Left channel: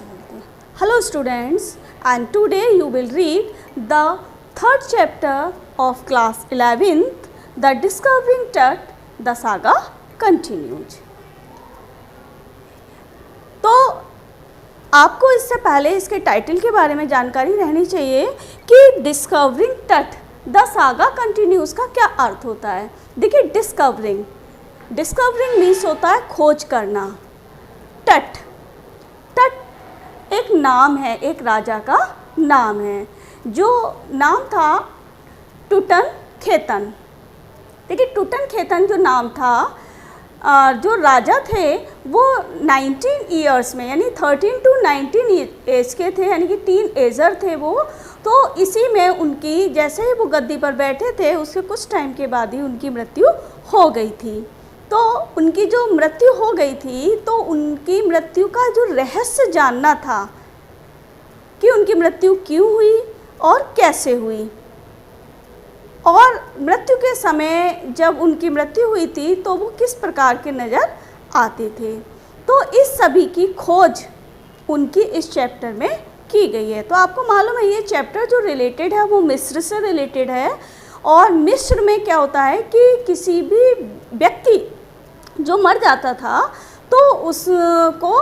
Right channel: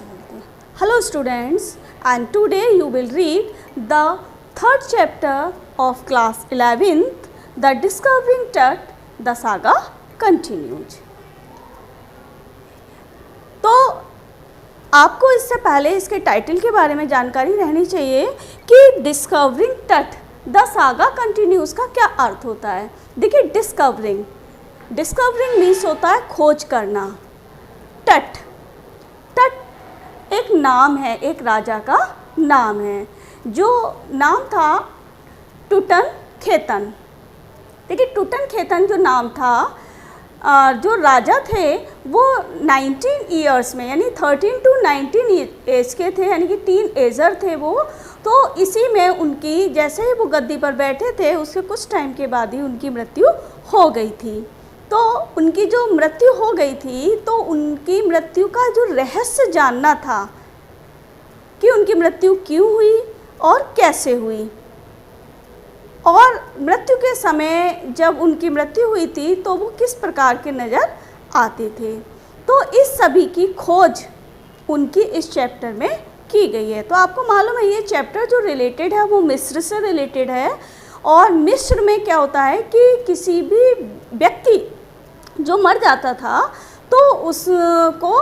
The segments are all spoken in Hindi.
Hello students, and today you will read the third chapter of class 11th, The Discovering Tut, the saga continues. तो आपको इससे पहले इसके टाइटल के बारे में जानकारी रहनी चाहिए कि डिस्कवरिंग टट द सागा कंटिन्यूज का क्या अर्थ होता है। देखिए, डिस्कवरिंग मीन्स होता है खोज करना। टट एक नाम है, एक राजा का नाम है, जो नाम था टुटन खेतन। देखिए, टुटन खेतन जो नाम था, जो राजा थे वो 19 ईयर्स में यानी 13 to 19 एज के थे, यानी कि टीन एजर थे वो। तो इसी में उनकी, जैसे ही वो गद्दी पर बैठे थे उसके कुछ टाइम के बाद ही उनकी मृत्यु हो गई थी। तो उनकी जो मृत्यु हो गई थी, तो उनकी मृत्यु का जो रहस्य जानना था कि उनकी मृत्यु क्यों हुई और कैसे हुई, और मृत्यु के समय जब उनकी मृत्यु हुई थी तो वो किस प्रकार के नज़र आते थे। तो इस सभी की खोज उनकी इस चैप्टर में की गई है। तो आपको मालूम है ये चैप्टर जो रिलेटेड है वो मिस्र से रिलेटेड है। और मिस्र में क्या होता है कि किसी भी व्यक्ति जो मर जाता था तो उसको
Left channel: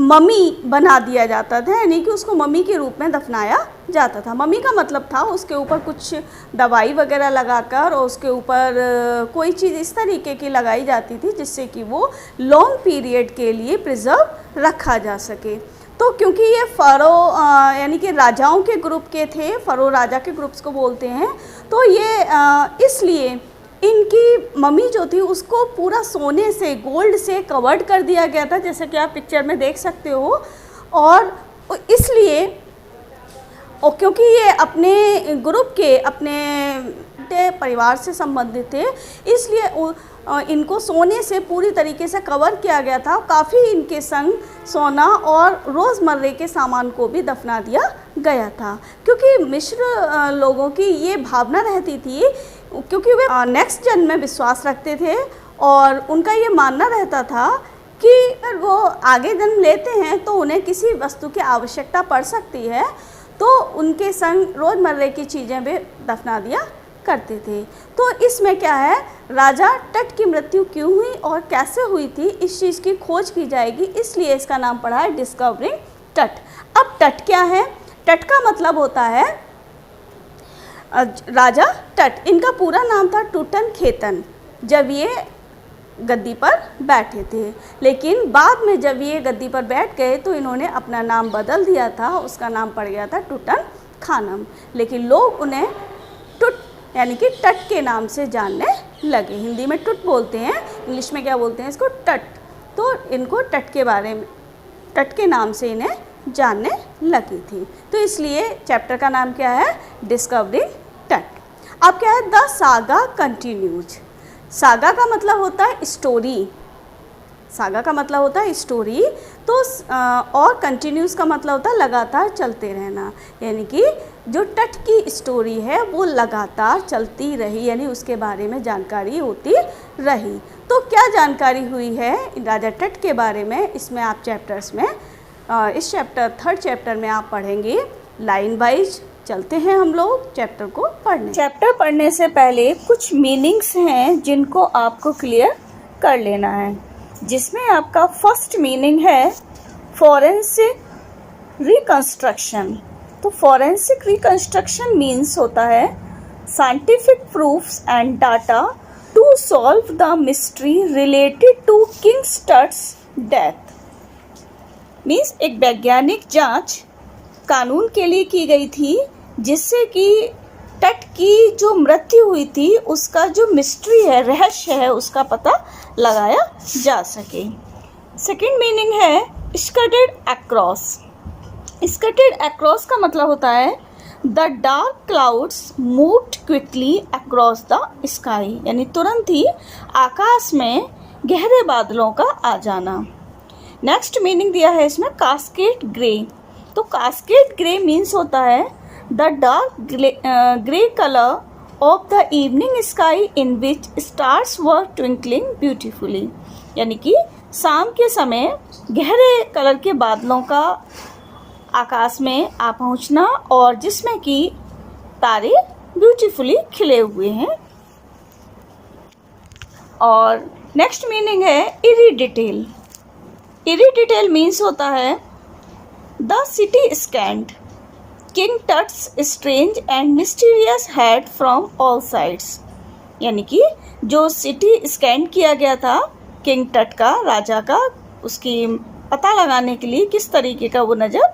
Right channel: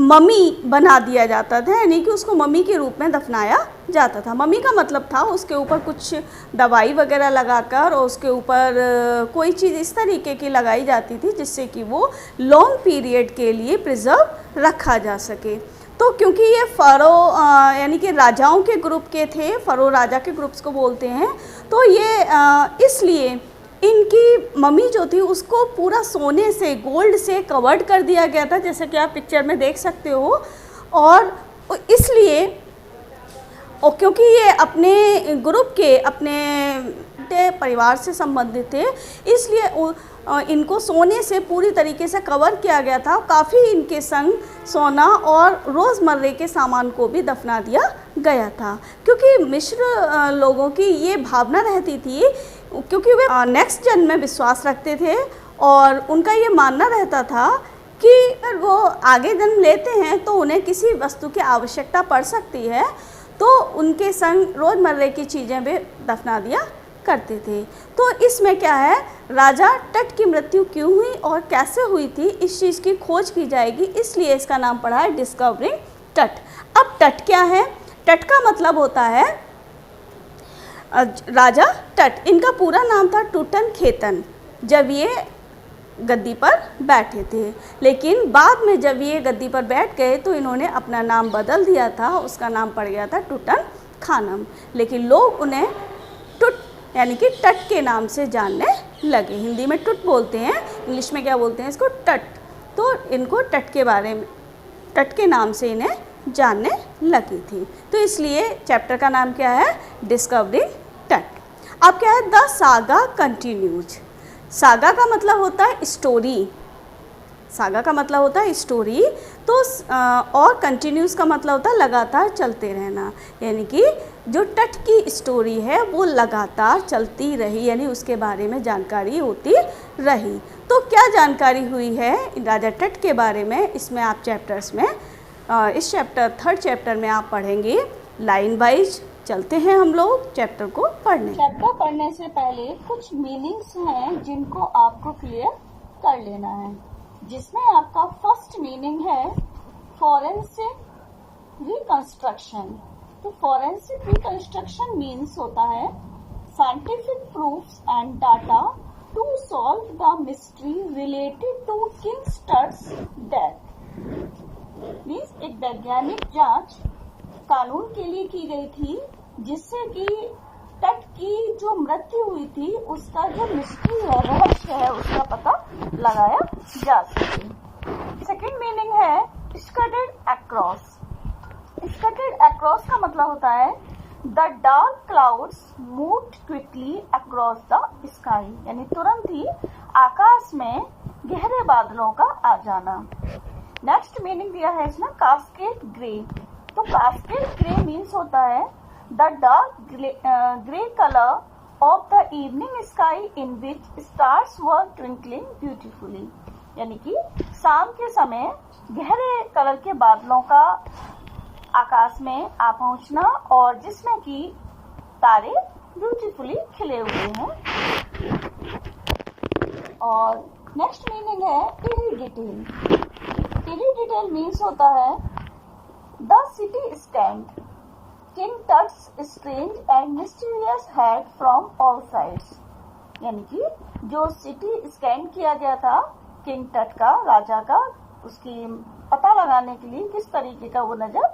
मम्मी बना दिया जाता था, यानी कि उसको मम्मी के रूप में दफनाया जाता था। मम्मी का मतलब था उसके ऊपर कुछ दवाई वगैरह लगाकर और उसके ऊपर कोई चीज़ इस तरीके की लगाई जाती थी जिससे कि वो लॉन्ग पीरियड के लिए प्रिजर्व रखा जा सके। तो क्योंकि ये फ़रो यानी कि राजाओं के ग्रुप के थे, फ़रो राजा के ग्रुप्स को बोलते हैं, तो ये इसलिए इनकी मम्मी जो थी उसको पूरा सोने से, गोल्ड से कवर्ड कर दिया गया था, जैसे कि आप पिक्चर में देख सकते हो। और इसलिए क्योंकि ये अपने ग्रुप के, अपने परिवार से संबंधित थे, इसलिए इनको सोने से पूरी तरीके से कवर किया गया था। काफ़ी इनके संग सोना और रोज़मर्रे के सामान को भी दफना दिया गया था, क्योंकि मिस्र लोगों की ये भावना रहती थी, क्योंकि वे नेक्स्ट जन्म में विश्वास रखते थे और उनका ये मानना रहता था कि अगर वो आगे जन्म लेते हैं तो उन्हें किसी वस्तु की आवश्यकता पड़ सकती है, तो उनके संग रोज़मर्रे की चीज़ें भी दफना दिया करते थे। तो इसमें क्या है, राजा टट की मृत्यु क्यों हुई और कैसे हुई थी, इस चीज़ की खोज की जाएगी, इसलिए इसका नाम पड़ा है डिस्कवरिंग टट। अब टट क्या है? टट का मतलब होता है राजा टट। इनका पूरा नाम था टुटन खेतन जब ये गद्दी पर बैठे थे, लेकिन बाद में जब ये गद्दी पर बैठ गए तो इन्होंने अपना नाम बदल दिया था, उसका नाम पड़ गया था टुटन खानम। लेकिन लोग उन्हें टुट यानी कि टट के नाम से जानने लगे। हिंदी में टुट बोलते हैं, इंग्लिश में क्या बोलते हैं इसको? टट। तो इनको टट के बारे में, टट के नाम से इन्हें जानने लगी थी। तो इसलिए चैप्टर का नाम क्या है? डिस्कवरिंग टट। अब क्या है? The saga continues. सागा का मतलब होता है स्टोरी, सागा का मतलब होता है स्टोरी। तो और कंटिन्यूस का मतलब होता है लगातार चलते रहना, यानी कि जो टट की स्टोरी है वो लगातार चलती रही, यानी उसके बारे में जानकारी होती रही। तो क्या जानकारी हुई है राजा टट के बारे में, इसमें आप चैप्टर्स में, इस चैप्टर थर्ड चैप्टर में आप पढ़ेंगे। लाइन वाइज चलते हैं हम लोग चैप्टर को पढ़ने। चैप्टर पढ़ने से पहले कुछ मीनिंग्स हैं जिनको आपको क्लियर कर लेना है, जिसमें आपका फर्स्ट मीनिंग है फॉरेंसिक रिकंस्ट्रक्शन। तो फॉरेंसिक रिकंस्ट्रक्शन मीन्स होता है scientific proofs and data to solve the mystery related to King Tut's death. Means एक वैज्ञानिक जांच कानून के लिए की गई थी, जिससे कि टट की जो मृत्यु हुई थी उसका जो मिस्ट्री है, रहस्य है, उसका पता लगाया जा सके। सेकेंड मीनिंग है स्कैटर्ड अक्रॉस। स्कैटर्ड अक्रॉस का मतलब होता है the dark clouds moved quickly across the sky, यानी तुरंत ही आकाश में गहरे बादलों का आ जाना। नेक्स्ट मीनिंग दिया है इसमें कास्केड ग्रे। तो कास्केड ग्रे मीन्स होता है the dark grey colour of the evening sky in which stars were twinkling beautifully. यानी कि शाम के समय गहरे कलर के बादलों का आकाश में आ पहुंचना और जिसमें कि तारे ब्यूटीफुली खिले हुए हैं। और नेक्स्ट मीनिंग है इरिडिटेल। इरिडिटेल मीन्स होता है the CT scanned King Tut's strange and mysterious head from all sides. यानी कि जो सिटी स्कैन किया गया था किंग टट का, राजा का, उसकी पता लगाने के लिए किस तरीके का वो नज़र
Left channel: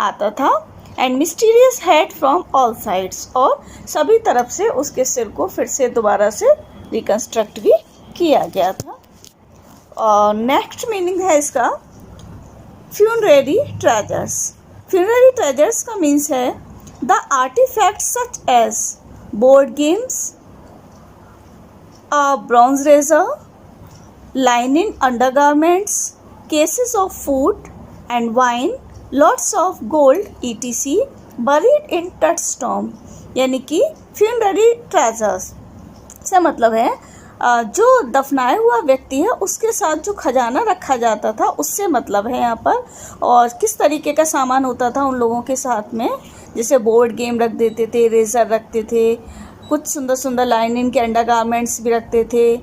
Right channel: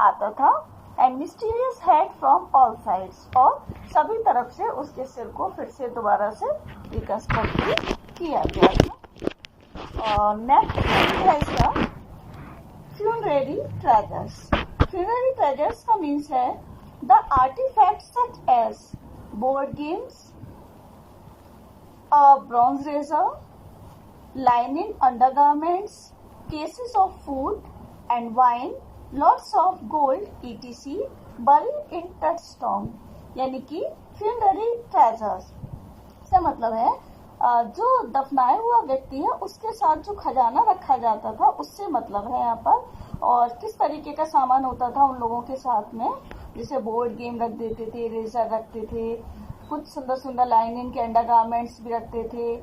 आता था। And mysterious head from all sides, और सभी तरफ से उसके सिर को फिर से दोबारा से रिकन्स्ट्रक्ट भी किया गया था। और नेक्स्ट मीनिंग है इसका फ्यूनरेरी ट्रेजर्स। फ्यूनरेरी ट्रेजर्स का मीन्स है the artifacts such as board games, a bronze razor, linen undergarments, cases of food and wine, lots of gold etc. buried in Tut's tomb। यानी कि funerary treasures से मतलब है जो दफनाया हुआ व्यक्ति है उसके साथ जो खजाना रखा जाता था उससे मतलब है यहाँ पर। और किस तरीके का सामान होता था उन लोगों के साथ में, जैसे बोर्ड गेम रख देते थे, रेजर रखते थे, कुछ सुंदर सुंदर लाइनिन के अंडर गारमेंट्स भी रखते थे,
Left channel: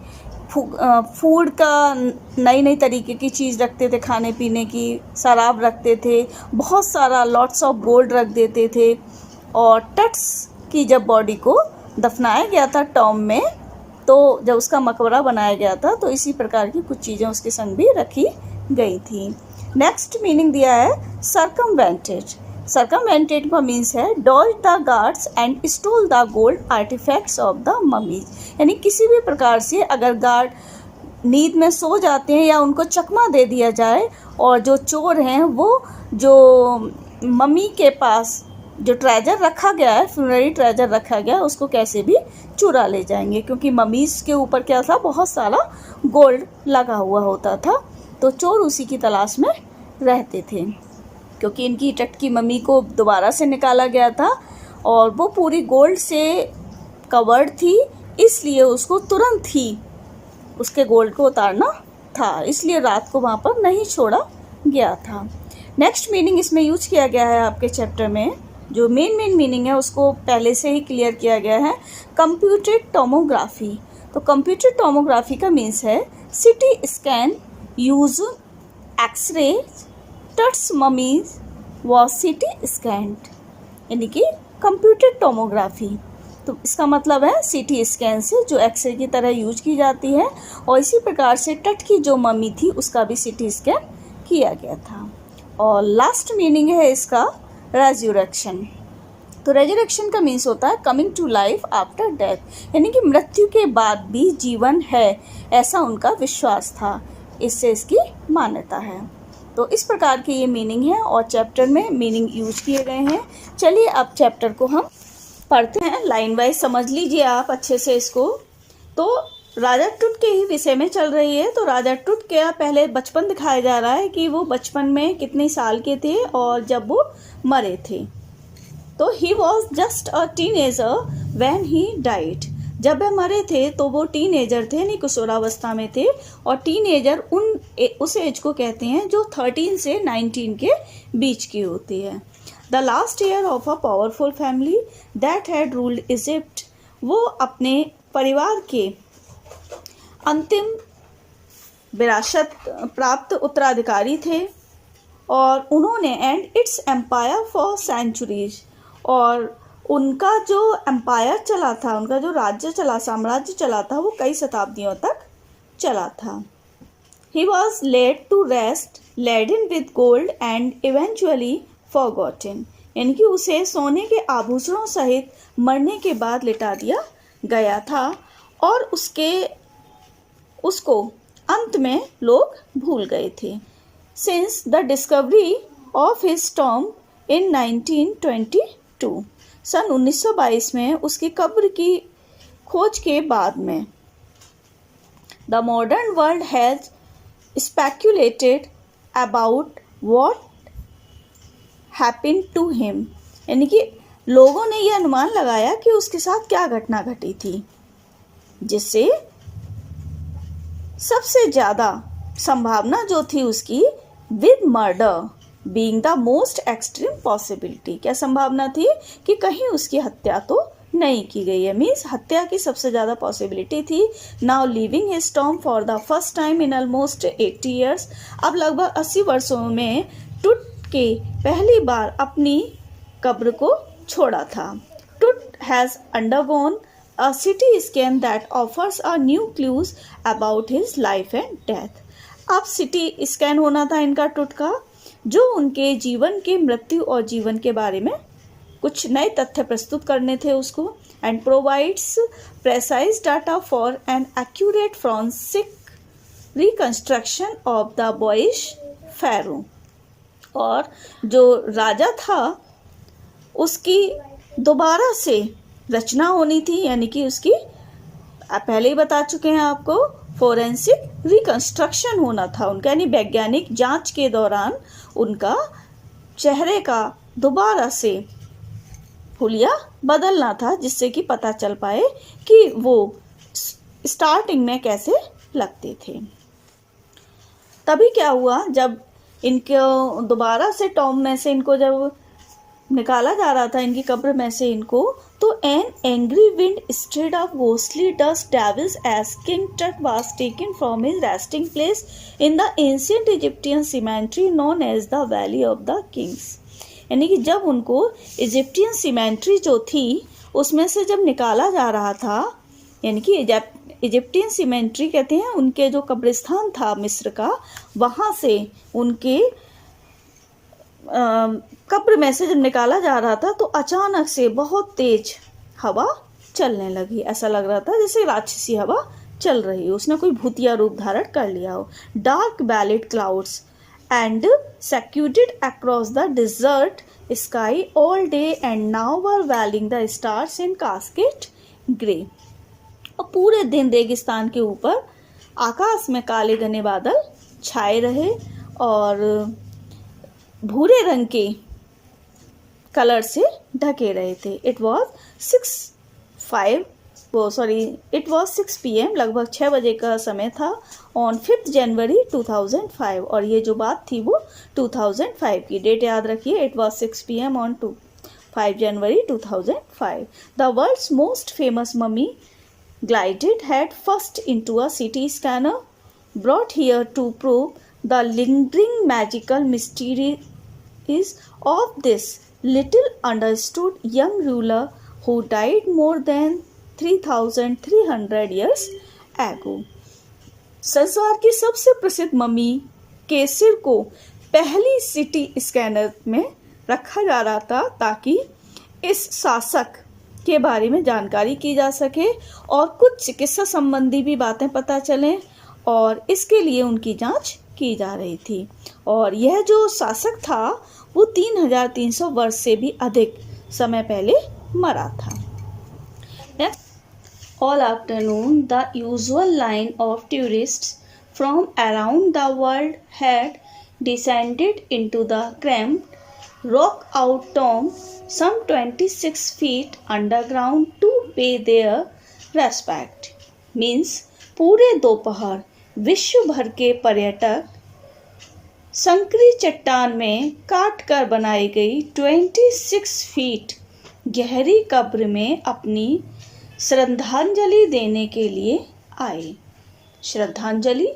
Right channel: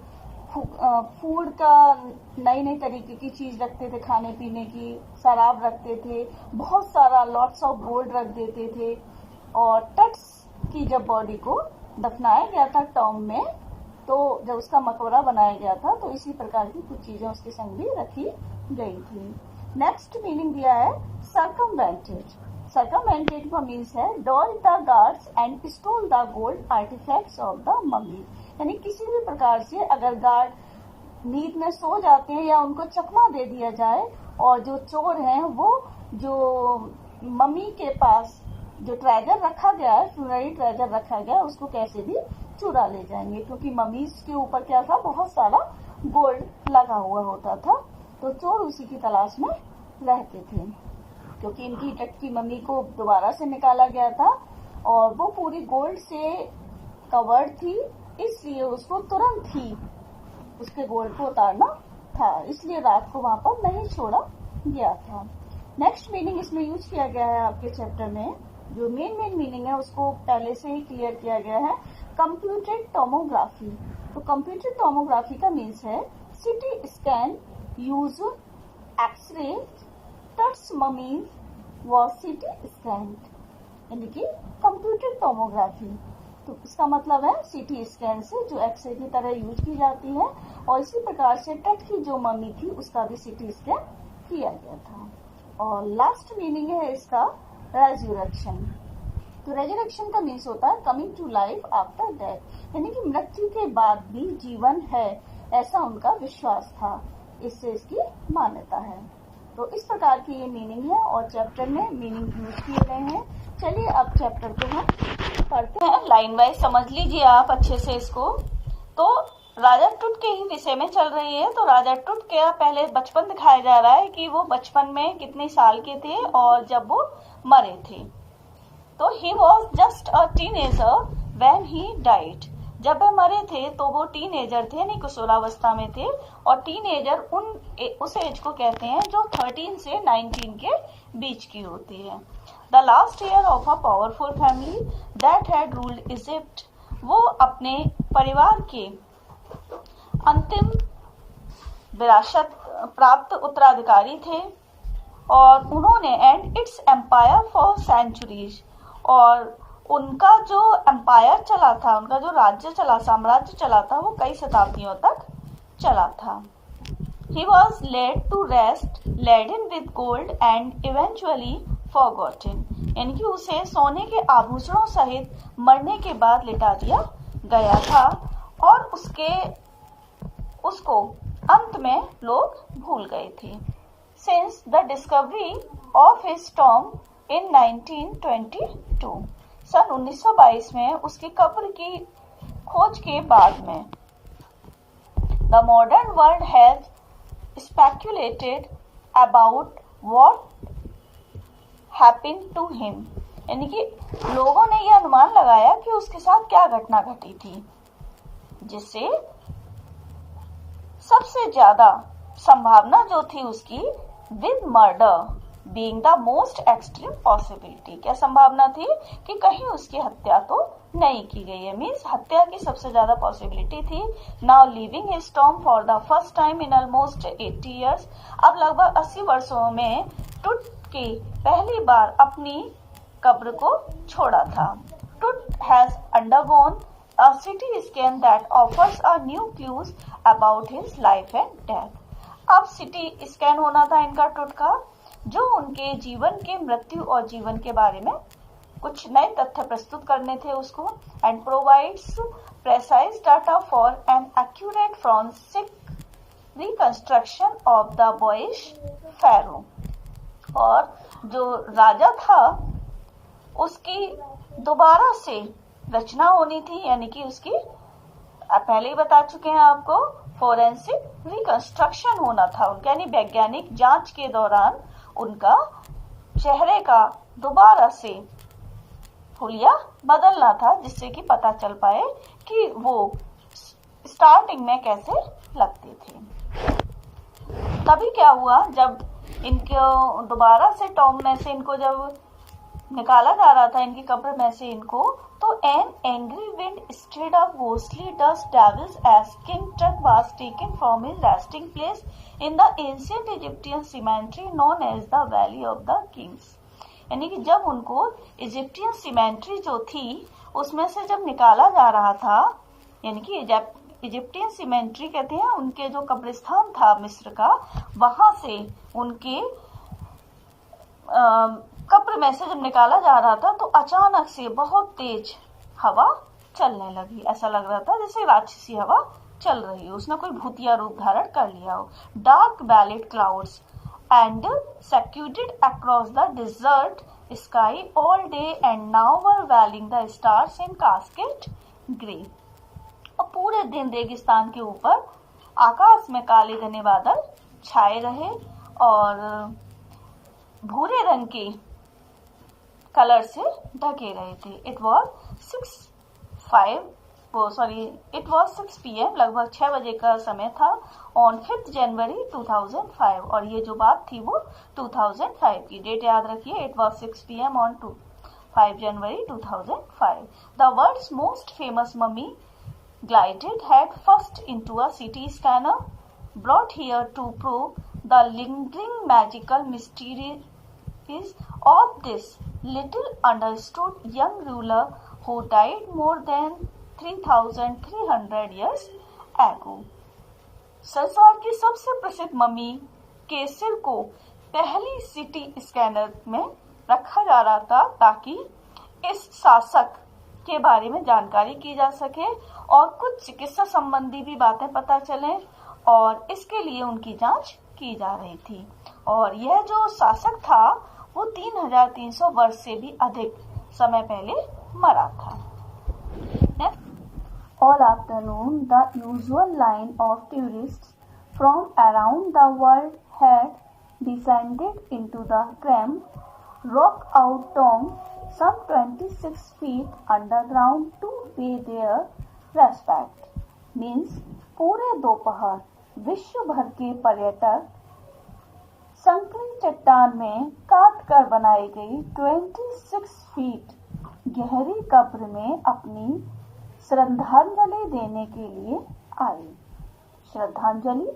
फूड का नई नई तरीके की चीज़ रखते थे, खाने पीने की, शराब रखते थे, बहुत सारा लॉट्स ऑफ गोल्ड रख देते थे। और टट्स की जब बॉडी को दफनाया गया था टॉम में, तो जब उसका मकबरा बनाया गया था तो इसी प्रकार की कुछ चीज़ें उसके संग भी रखी गई थी। नेक्स्ट मीनिंग दिया है सर्कमवेंटेड। सर्कमवेंटेड का मीन्स है dodge the guards and stole the gold artifacts of the mummies. यानी किसी भी प्रकार से अगर गार्ड नींद में सो जाते हैं या उनको चकमा दे दिया जाए और जो चोर हैं वो जो मम्मी के पास जो ट्रेजर रखा गया है, फ्यूनररी ट्रेजर रखा गया है, उसको कैसे भी चुरा ले जाएंगे, क्योंकि ममीज के ऊपर क्या था, बहुत सारा गोल्ड लगा हुआ होता था, तो चोर उसी की तलाश में रहते थे। क्योंकि इनकी टट की मम्मी को दोबारा से निकाला गया था और वो पूरी गोल्ड से कवर्ड थी, इसलिए उसको तुरंत ही उसके गोल्ड को उतारना था, इसलिए रात को वहाँ पर नहीं छोड़ा गया था। नेक्स्ट मीनिंग इसमें यूज किया गया है आपके चैप्टर में, जो मेन मीनिंग है उसको पहले से ही क्लियर किया गया है, कंप्यूटेड टोमोग्राफी। तो कंप्यूटेड टोमोग्राफी का मीन्स है CT scan use X-ray Tut's mummies was CT scanned. यानी कि कंप्यूटेड टोमोग्राफी, तो इसका मतलब है सिटी स्कैन से जो एक्सरे की तरह यूज की जाती है, और इसी प्रकार से टट की जो मम्मी थी उसका भी सिटी स्कैन किया गया था। और लास्ट मीनिंग है इसका रेजरेक्शन। तो रेजरेक्शन का मीन्स होता है coming to life after death, यानी कि मृत्यु के बाद भी जीवन है, ऐसा उनका विश्वास था, इससे इसकी मान्यता है। तो इस प्रकार की ये मीनिंग है और चैप्टर में मीनिंग यूज किए गए हैं। चलिए अब चैप्टर को हम पढ़ते हैं, लाइन वाइज समझ लीजिए आप अच्छे से इसको। तो राजा टुट के ही विषय में चल रही है। तो राजा टुट के पहले बचपन दिखाया जा रहा है कि वो बचपन में कितने साल के थे और जब वो मरे थे। तो he was just a teenager when he died. जब वह मरे थे तो वो टीनेजर थे, यानी किशोरावस्था में थे, और टीनेजर उस एज को कहते हैं जो 13 से 19 के बीच की होती है। The last year of a powerful family that had ruled Egypt. वो अपने परिवार के अंतिम विरासत प्राप्त उत्तराधिकारी थे और उन्होंने and its empire for centuries, और उनका जो एम्पायर चला था, उनका जो राज्य चला, साम्राज्य चला था, वो कई शताब्दियों तक चला था। He was laid to rest laden with gold and eventually forgotten, यानी कि उसे सोने के आभूषणों सहित मरने के बाद लिटा दिया गया था और उसको अंत में लोग भूल गए थे। Since the discovery of his tomb in 1922, सन 1922 में उसकी कब्र की खोज के बाद में the modern world has speculated about what happened to him, यानी कि लोगों ने यह अनुमान लगाया कि उसके साथ क्या घटना घटी थी जिससे सबसे ज़्यादा संभावना जो थी उसकी, with murder being the most extreme possibility, क्या संभावना थी कि कहीं उसकी हत्या तो नहीं की गई है, मीन्स हत्या की सबसे ज़्यादा पॉसिबिलिटी थी। Now living his Tom for the first time in almost 80 years, अब लगभग 80 वर्षों में टुट के पहली बार अपनी कब्र को छोड़ा था। टुट has undergone a CT scan that offers a new clues about his life and death. अब CT स्कैन होना था इनका टुट का, जो उनके जीवन के मृत्यु और जीवन के बारे में कुछ नए तथ्य प्रस्तुत करने थे उसको, and provides precise data for an accurate forensic reconstruction of the boyish pharaoh. और जो राजा था उसकी दोबारा से रचना होनी थी, यानी कि उसकी पहले ही बता चुके हैं आपको, फोरेंसिक रिकंस्ट्रक्शन होना था उनका, यानी वैज्ञानिक जांच के दौरान उनका चेहरे का दोबारा से हुलिया बदलना था, जिससे कि पता चल पाए कि वो स्टार्टिंग में कैसे लगते थे। तभी क्या हुआ, जब इनको दोबारा से टॉम में से इनको जब निकाला जा रहा था इनकी कब्र में से इनको, तो an angry wind stirred off ghostly dust devils as King Tut was taken from his resting place in the ancient Egyptian cemetery known as the Valley of the Kings. यानी कि जब उनको इजिप्टियन सीमेंट्री जो थी उसमें से जब निकाला जा रहा था, यानी कि इजिप्टियन सीमेंट्री कहते हैं उनके जो कब्रिस्तान था मिस्र का, वहाँ से उनके कब्र में से जब निकाला जा रहा था तो अचानक से बहुत तेज हवा चलने लगी। ऐसा लग रहा था जैसे राक्षसी हवा चल रही हो, उसने कोई भूतिया रूप धारण कर लिया हो। Dark billowy clouds and scudded across the desert sky all day and now were veiling the stars in casket grey. और पूरे दिन रेगिस्तान के ऊपर आकाश में काले घने बादल छाए रहे और भूरे रंग के कलर से ढके रहे थे। इट वॉज 6 PM, लगभग 6 बजे का समय था, ऑन 5 जनवरी 2005। और ये जो बात थी वो 2005 की, डेट याद रखिए, it was 6 PM on 5 January 2005। The world's most famous mummy glided head first into a CT scanner brought here to prove the lingering magical mysteries of this little understood young ruler who died more than 3,300 years ago. संसार की सबसे प्रसिद्ध मम्मी के सिर को पहली CT स्कैनर में रखा जा रहा था ताकि इस शासक के बारे में जानकारी की जा सके और कुछ चिकित्सा संबंधी भी बातें पता चलें, और इसके लिए उनकी जांच की जा रही थी। और यह जो शासक था वो 3,300 वर्ष से भी अधिक समय पहले मरा था। All afternoon, the usual line of tourists from around the world had descended into the cramped rock-out tomb some 26 feet underground to pay their respect. Means पूरे दोपहर विश्व भर के पर्यटक संकरी चट्टान में काट कर बनाई गई 26 फीट गहरी कब्र में अपनी श्रद्धांजलि देने के लिए आए। श्रद्धांजलि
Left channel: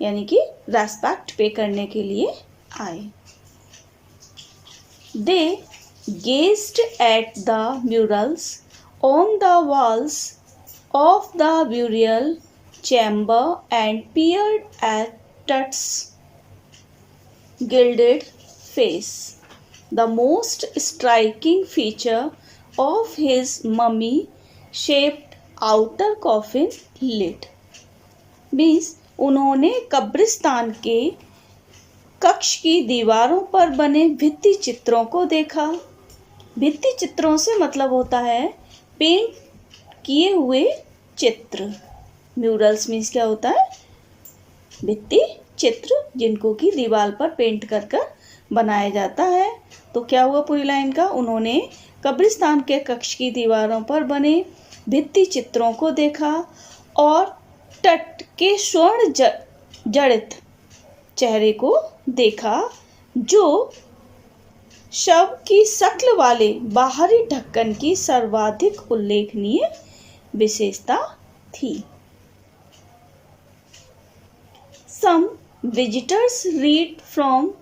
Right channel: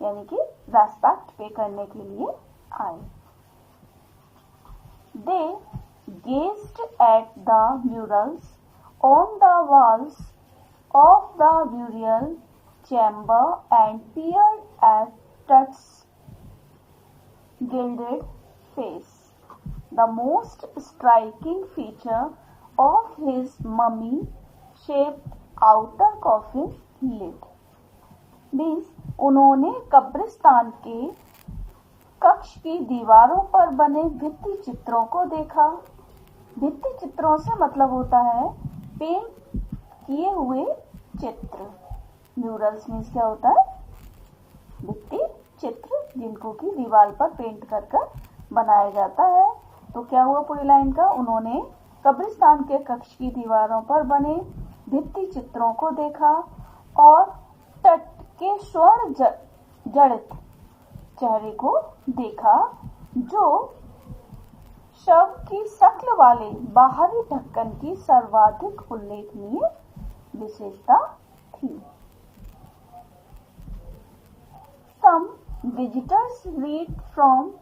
यानी कि रेस्पेक्ट पे करने के लिए आए। They gazed at the murals on the walls of the burial chamber and peered at Tut's gilded face. The most striking feature of his mummy-shaped outer coffin lid means उन्होंने कब्रिस्तान के कक्ष की दीवारों पर बने भित्ति चित्रों को देखा। भित्ति चित्रों से मतलब होता है पेंट किए हुए चित्र। म्यूरल्स मीन्स क्या होता है? भित्ति चित्र जिनको कि दीवार पर पेंट कर कर बनाया जाता है। तो क्या हुआ पूरी लाइन का? उन्होंने कब्रिस्तान के कक्ष की दीवारों पर बने भित्ति चित्रों को देखा और तट के स्वर्ण जड़ित चेहरे को देखा जो शव की शक्ल वाले बाहरी ढक्कन की सर्वाधिक उल्लेखनीय विशेषता थी। Some visitors read from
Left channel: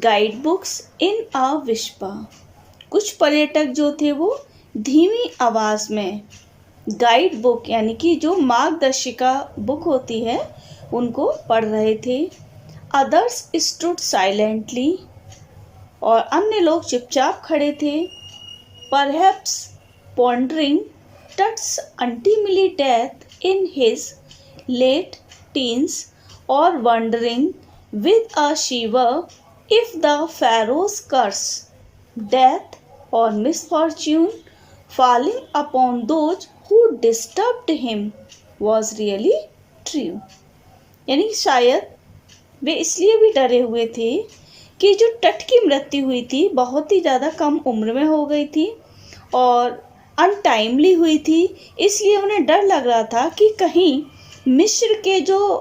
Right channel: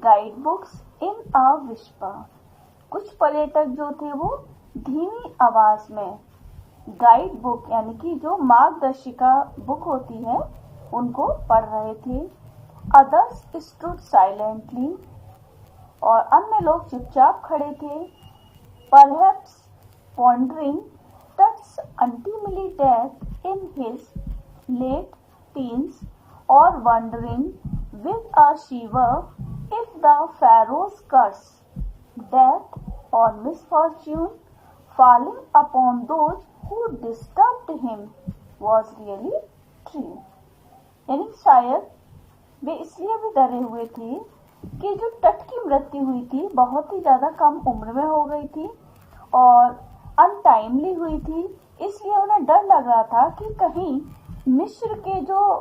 guidebooks in a whisper. कुछ पर्यटक जो थे वो धीमी आवाज में गाइड बुक यानी कि जो मार्गदर्शिका बुक होती है उनको पढ़ रहे थे। Others stood silently. और अन्य लोग चुपचाप खड़े थे। Perhaps pondering Tut's untimely death in his late teens or wondering with a shiver if the Pharaoh's curse, death or misfortune falling upon those who disturbed him was really true. यानी शायद वे इसलिए भी डरे हुए थे कि जो टट की मृत्यु हुई थी बहुत ही ज़्यादा कम उम्र में हो गई थी और अनटाइमली हुई थी, इसलिए उन्हें डर लग रहा था कि कहीं मिस्र के जो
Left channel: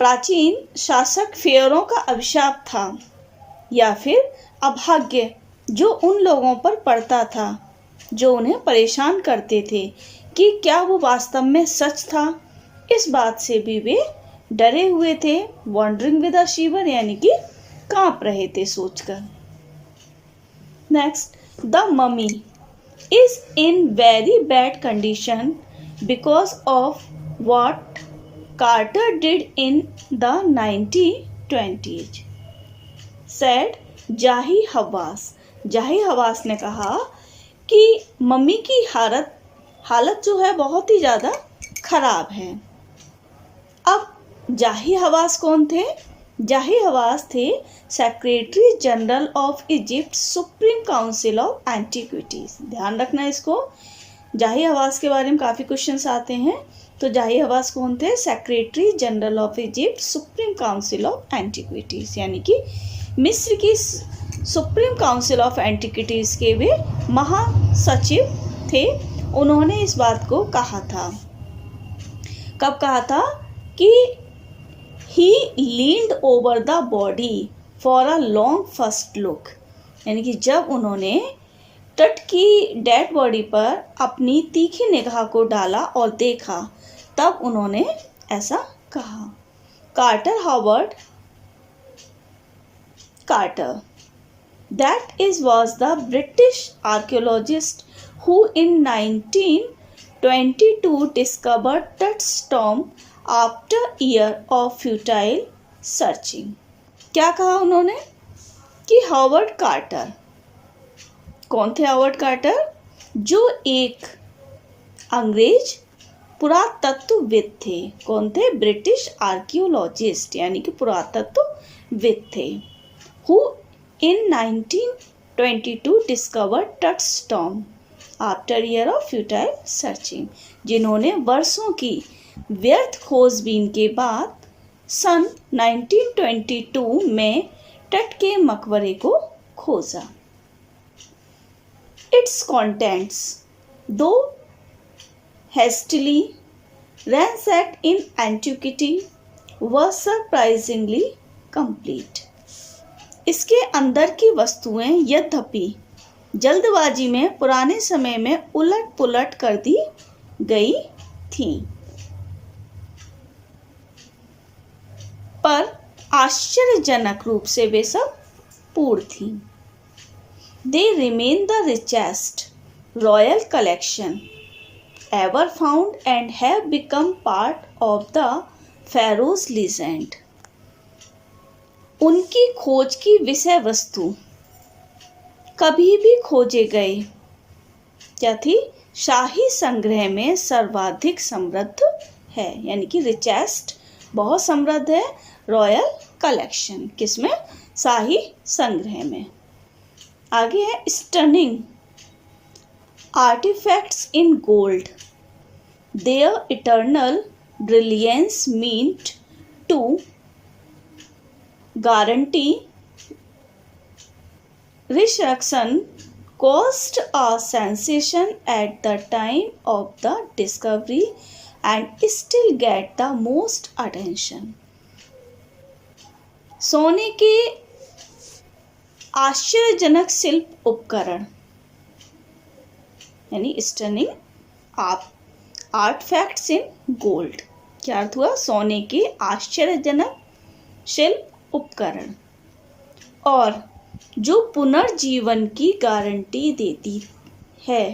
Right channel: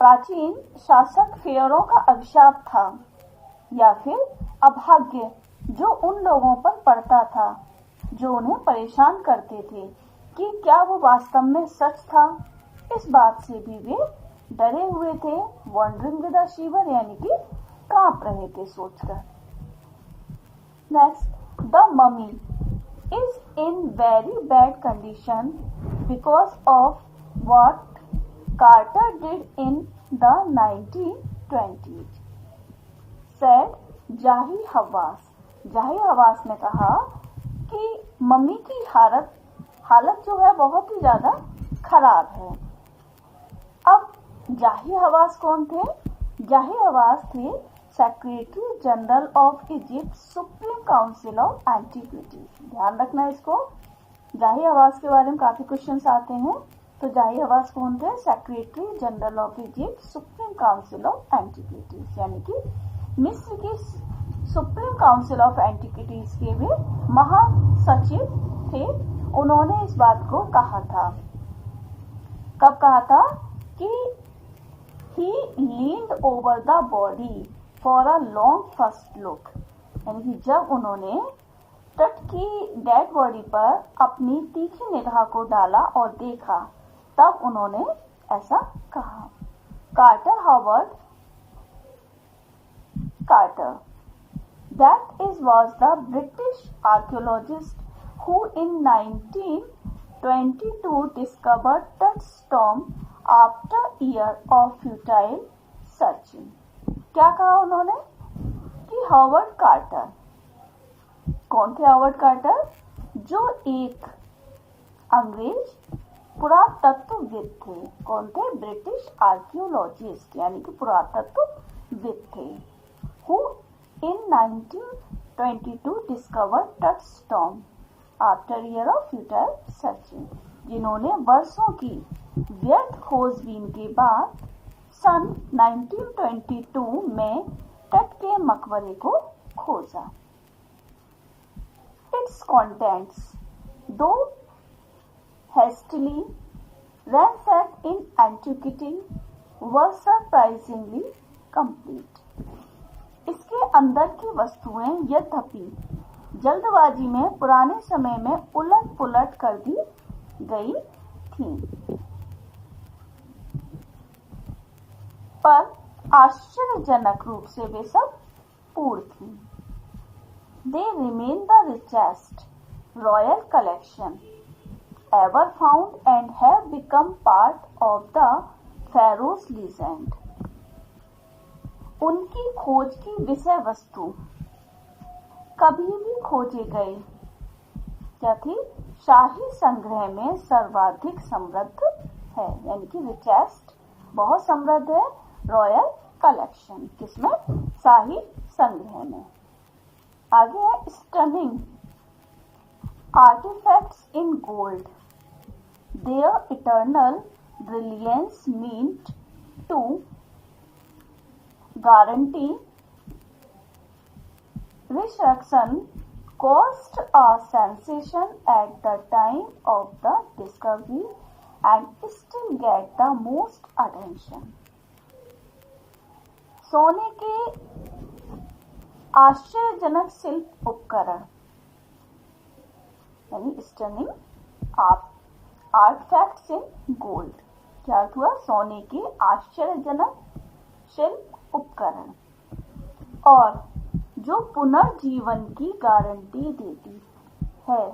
प्राचीन शासक फेरों का अभिशाप था या फिर अभाग्य जो उन लोगों पर पड़ता था जो उन्हें परेशान करते थे कि क्या वो वास्तव में सच था। इस बात से भी वे डरे हुए थे। वॉन्डरिंग विद अ शिवर यानी कि कांप रहे थे सोचकर। Next, the mummy is in very bad condition because of what Carter did in the 1920s, said जाही हवास। जाही हवास ने कहा कि मम्मी की हालत जो है बहुत ही ज़्यादा खराब है। अब जाही हवास कौन थे? जाही हवास थे secretary general of Egypt supreme council of antiquities. ध्यान रखना इसको, जाही हवास के बारे में काफ़ी क्वेश्चंस आते हैं। तो जाही हवास कौन थे? Secretary general of Egypt supreme council of antiquities यानी कि मिस्र की सुप्रीम काउंसिल ऑफ एंटीक्विटीज के वे महासचिव थे। उन्होंने इस बात को कहा था, कब कहा था कि he leaned over the body for a long first look, यानी कि जब उन्होंने टट की डेड बॉडी पर अपनी तीखी निगाह को डाला और देखा तब उन्होंने ऐसा कहा। Carter Howard Carter, that is was the British archaeologist who in 1922 discovered Tut's tomb after year of futile searching. क्या कहा उन्होंने कि हॉवर्ड कार्टर, कौन थे हॉवर्ड कार्टर? जो एक अंग्रेज पुरातत्वविद थे। कौन थे? ब्रिटिश आर्कियोलॉजिस्ट यानी कि पुरातत्वविद थे। Who in 1922 discovered Tut's tomb after year of futile searching, जिन्होंने वर्षों की व्यर्थ खोजबीन के बाद सन 1922 में टट के मकबरे को खोजा। It's contents, though hastily ransacked in antiquity, were surprisingly complete. इसके अंदर की वस्तुएं यद्यपि जल्दबाजी में पुराने समय में उलट पुलट कर दी गई थीं, पर आश्चर्यजनक रूप से वे सब पूर्ण थीं। They remain the richest royal collection ever found and have become part of the Pharaoh's legend. उनकी खोज की विषय वस्तु कभी भी खोजे गए क्या थी? शाही संग्रह में सर्वाधिक समृद्ध है, यानी कि रिचेस्ट बहुत समृद्ध है। रॉयल कलेक्शन किसमें? शाही संग्रह में। आगे है stunning artifacts in gold, their eternal brilliance meant to guarantee resurrection caused a sensation at the time of the discovery and still get the most attention. सोने के आश्चर्यजनक शिल्प उपकरण यानी स्टनिंग आर्टफैक्ट्स इन गोल्ड। क्या अर्थ हुआ? सोने के आश्चर्यजनक शिल्प उपकरण और जो पुनर्जीवन की गारंटी देती है,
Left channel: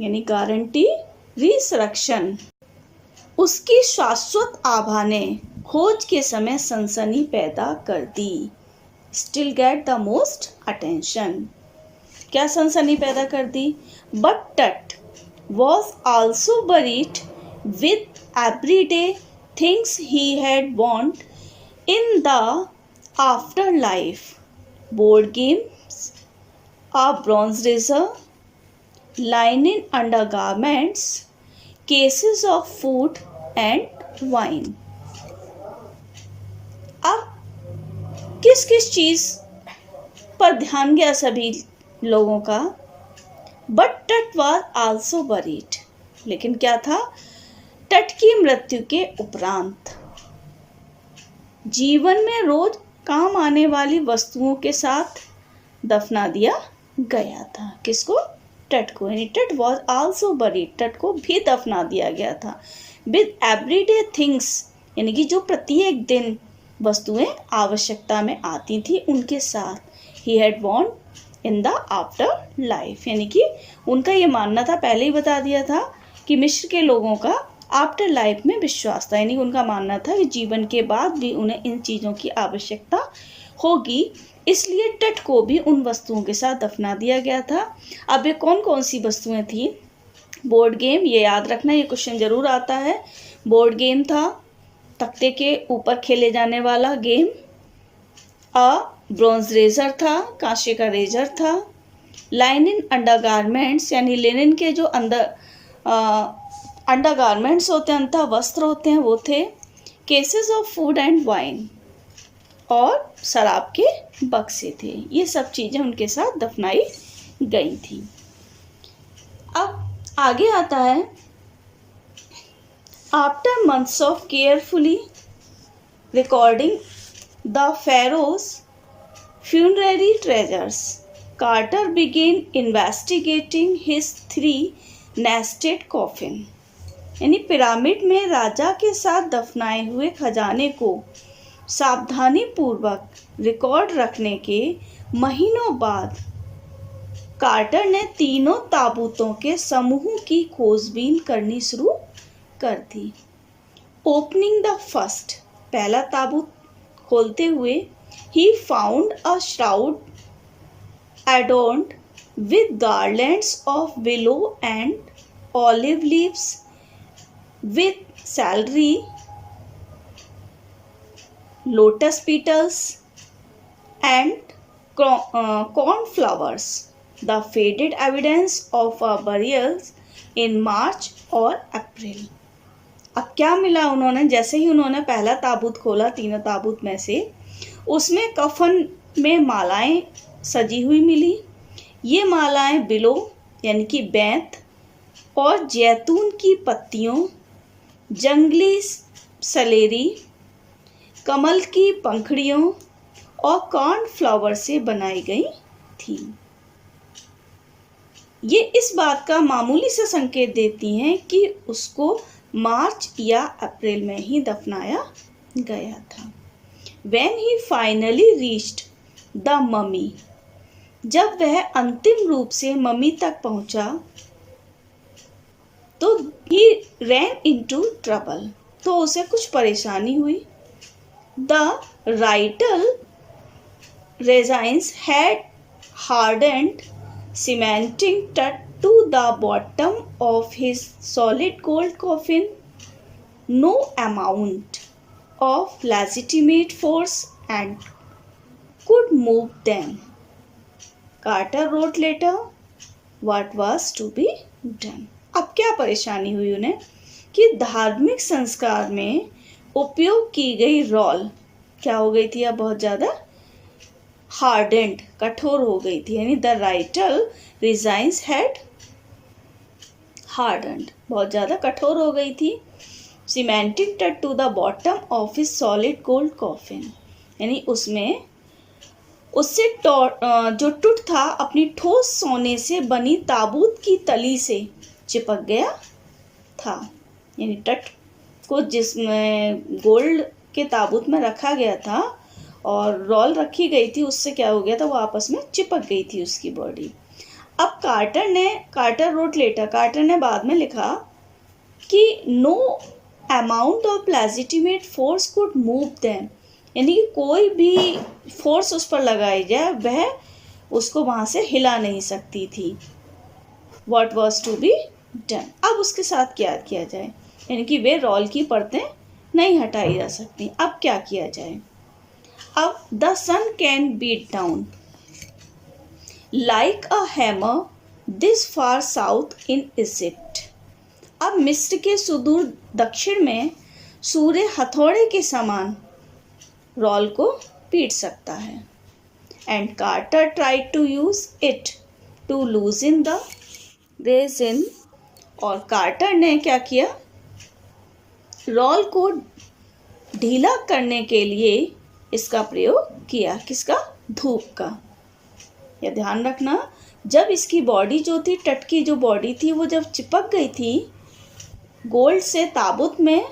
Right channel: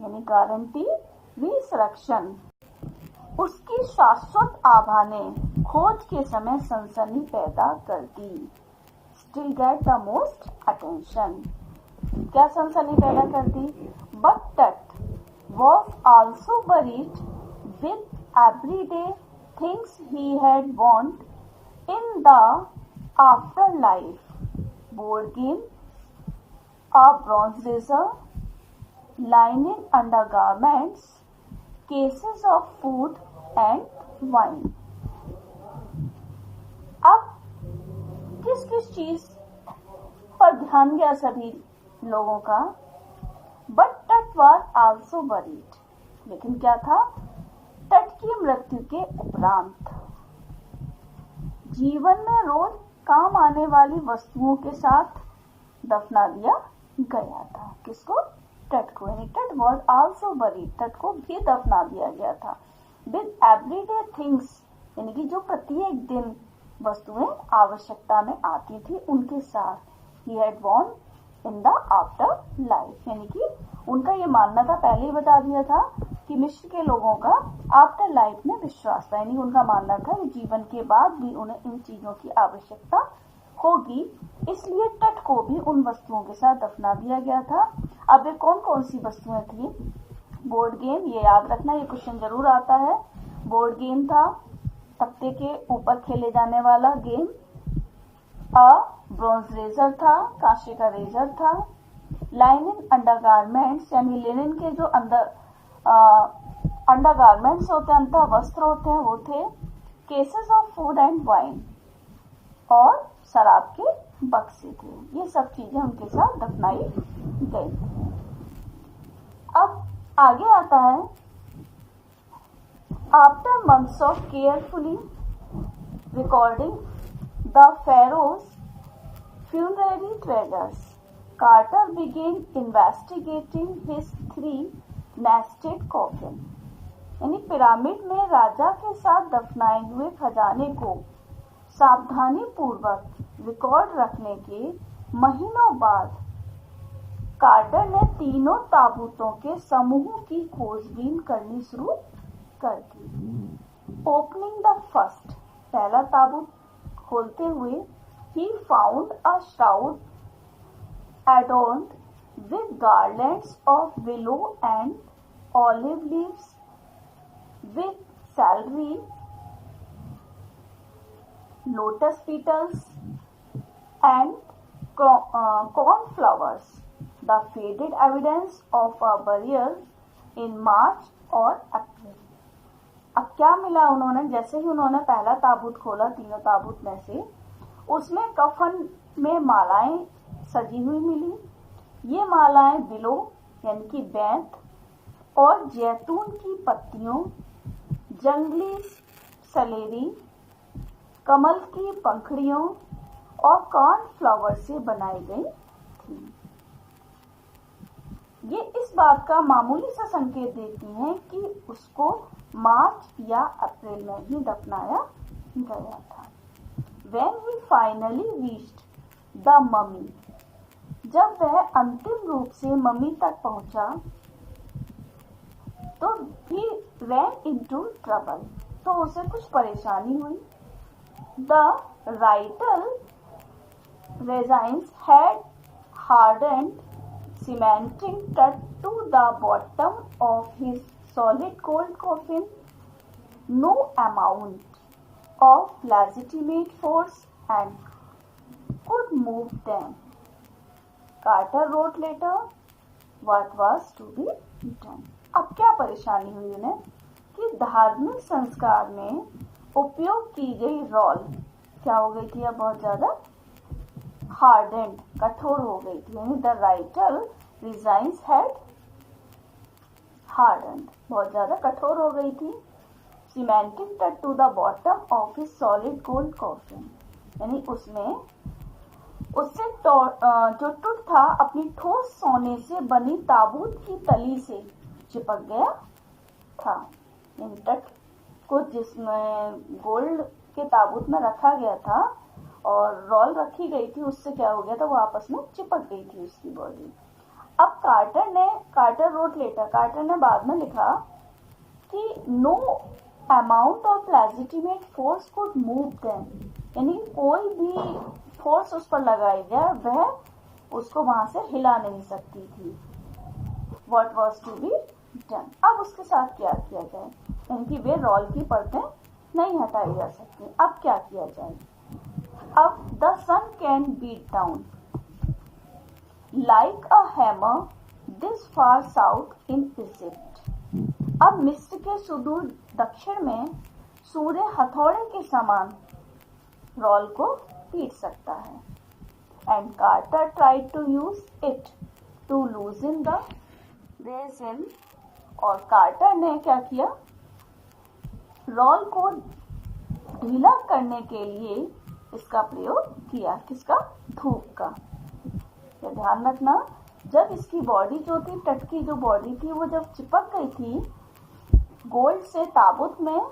यानी गारंटी रिसरेक्शन। उसकी शाश्वत आभा ने खोज के समय सनसनी पैदा कर दी। Still get the most attention. क्या सनसनी पैदा कर दी? But Tut was also buried with everyday things he had want in the afterlife, board games, a bronze razor, linen undergarments, cases of food and wine। अब किस किस चीज पर ध्यान गया सभी लोगों का? But Tut was also buried, लेकिन क्या था? टट की मृत्यु के उपरांत जीवन में रोज काम आने वाली वस्तुओं के साथ दफना दिया गया था। किसको? टट को। यानी टट वॉज आल्सो बरीड, टट को भी दफना दिया गया था। विद एवरीडे थिंग्स, यानी कि जो प्रत्येक दिन वस्तुएं आवश्यकता में आती थी उनके साथ। ही had want in the after life, यानी कि उनका ये मानना था, पहले ही बता दिया था कि मिस्र के लोगों का आफ्टर लाइफ में विश्वास था। यानी उनका मानना था कि जीवन के बाद भी उन्हें इन चीज़ों की आवश्यकता होगी, इसलिए टट को भी उन वस्तुओं के साथ दफना दिया गया था। अब ये कौन कौन सी वस्तुएं थी? बोर्ड गेम, ये याद रखना, ये क्वेश्चन जरूर आता है। बोर्ड गेम था, तख्ते के ऊपर खेले जाने वाला गेम। ब्रॉन्ज रेजर था, कांसे का रेजर था। लाइनिन अंडरगारमेंट्स, यानी लिनन के जो अंडरगारमेंट्स होते हैं, अंतः वस्त्र होते हैं, वो थे। Cases of food and wine, और शराब के बक्से थे। ये सब चीज़ें उनके साथ दफनाई गई थी। अब आगे आता है, after months of carefully recording the pharaoh's funerary treasures, Carter began investigating his 3 nested coffin. यानी पिरामिड में राजा के साथ दफनाए हुए खजाने को सावधानी पूर्वक रिकॉर्ड रखने के महीनों बाद कार्टर ने तीनों ताबूतों के समूह की खोजबीन करनी शुरू कर दी। ओपनिंग द फर्स्ट, पहला ताबूत खोलते हुए, he found a shroud adorned with garlands of willow and olive leaves, with celery, lotus petals and cornflowers, the faded evidence of a burial in March or April। अब क्या मिला उन्होंने? जैसे ही उन्होंने पहला ताबूत खोला तीनों ताबूत में से, उसमें कफन में मालाएं सजी हुई मिली। ये मालाएं बिलो यानी कि बैंत और जैतून की पत्तियों, जंगली सलेरी, कमल की पंखड़ियों और कॉर्नफ्लावर से बनाई गई थी। ये इस बात का मामूली सा संकेत देती हैं कि उसको मार्च या अप्रैल में ही दफनाया गया था। When he finally reached the mummy, जब वह अंतिम रूप से मम्मी तक पहुंचा, तो he ran into trouble, तो उसे कुछ परेशानी हुई। The vital resins had hardened, cementing to the bottom of his solid gold coffin. No amount of legitimate force and could move them. Carter wrote later what was to be done। अब क्या परेशानी हुई उन्हें कि धार्मिक संस्कार में उपयोग की गई रोल क्या हो गई थी? अब बहुत ज़्यादा हार्डेंड, कठोर हो गई थी। यानी the ritual resins had hardened, बहुत ज़्यादा कठोर हो गई थी। Cemented Tut to the bottom of his solid gold coffin, यानी उसमें उससे जो टूट था अपनी ठोस सोने से बनी ताबूत की तली से चिपक गया था। यानी टट को जिसमें गोल्ड के ताबूत में रखा गया था और रोल रखी गई थी, उससे क्या हो गया था, वो आपस में चिपक गई थी उसकी बॉडी। अब कार्टर रोट लेटर, कार्टर ने बाद में लिखा कि no amount of legitimate force could move them, यानी कि कोई भी फोर्स उस पर लगाई जाए वह उसको वहाँ से हिला नहीं सकती थी। What was to be done, अब उसके साथ क्या किया जाए, यानी कि वे रोल की परतें नहीं हटाई जा सकती। अब क्या किया जाए? अब the sun can beat down like a hammer this far south in Egypt. अब मिस्र के सुदूर दक्षिण में सूर्य हथौड़े के समान रोल को पीट सकता है। And Carter tried to use it to loosen the resin, और कार्टर ने क्या किया, रोल को ढीला करने के लिए इसका प्रयोग किया। किसका? धूप का। यह ध्यान रखना, जब इसकी बॉडी जो थी, टट की जो बॉडी थी, वो जब चिपक गई थी गोल्ड से ताबूत में,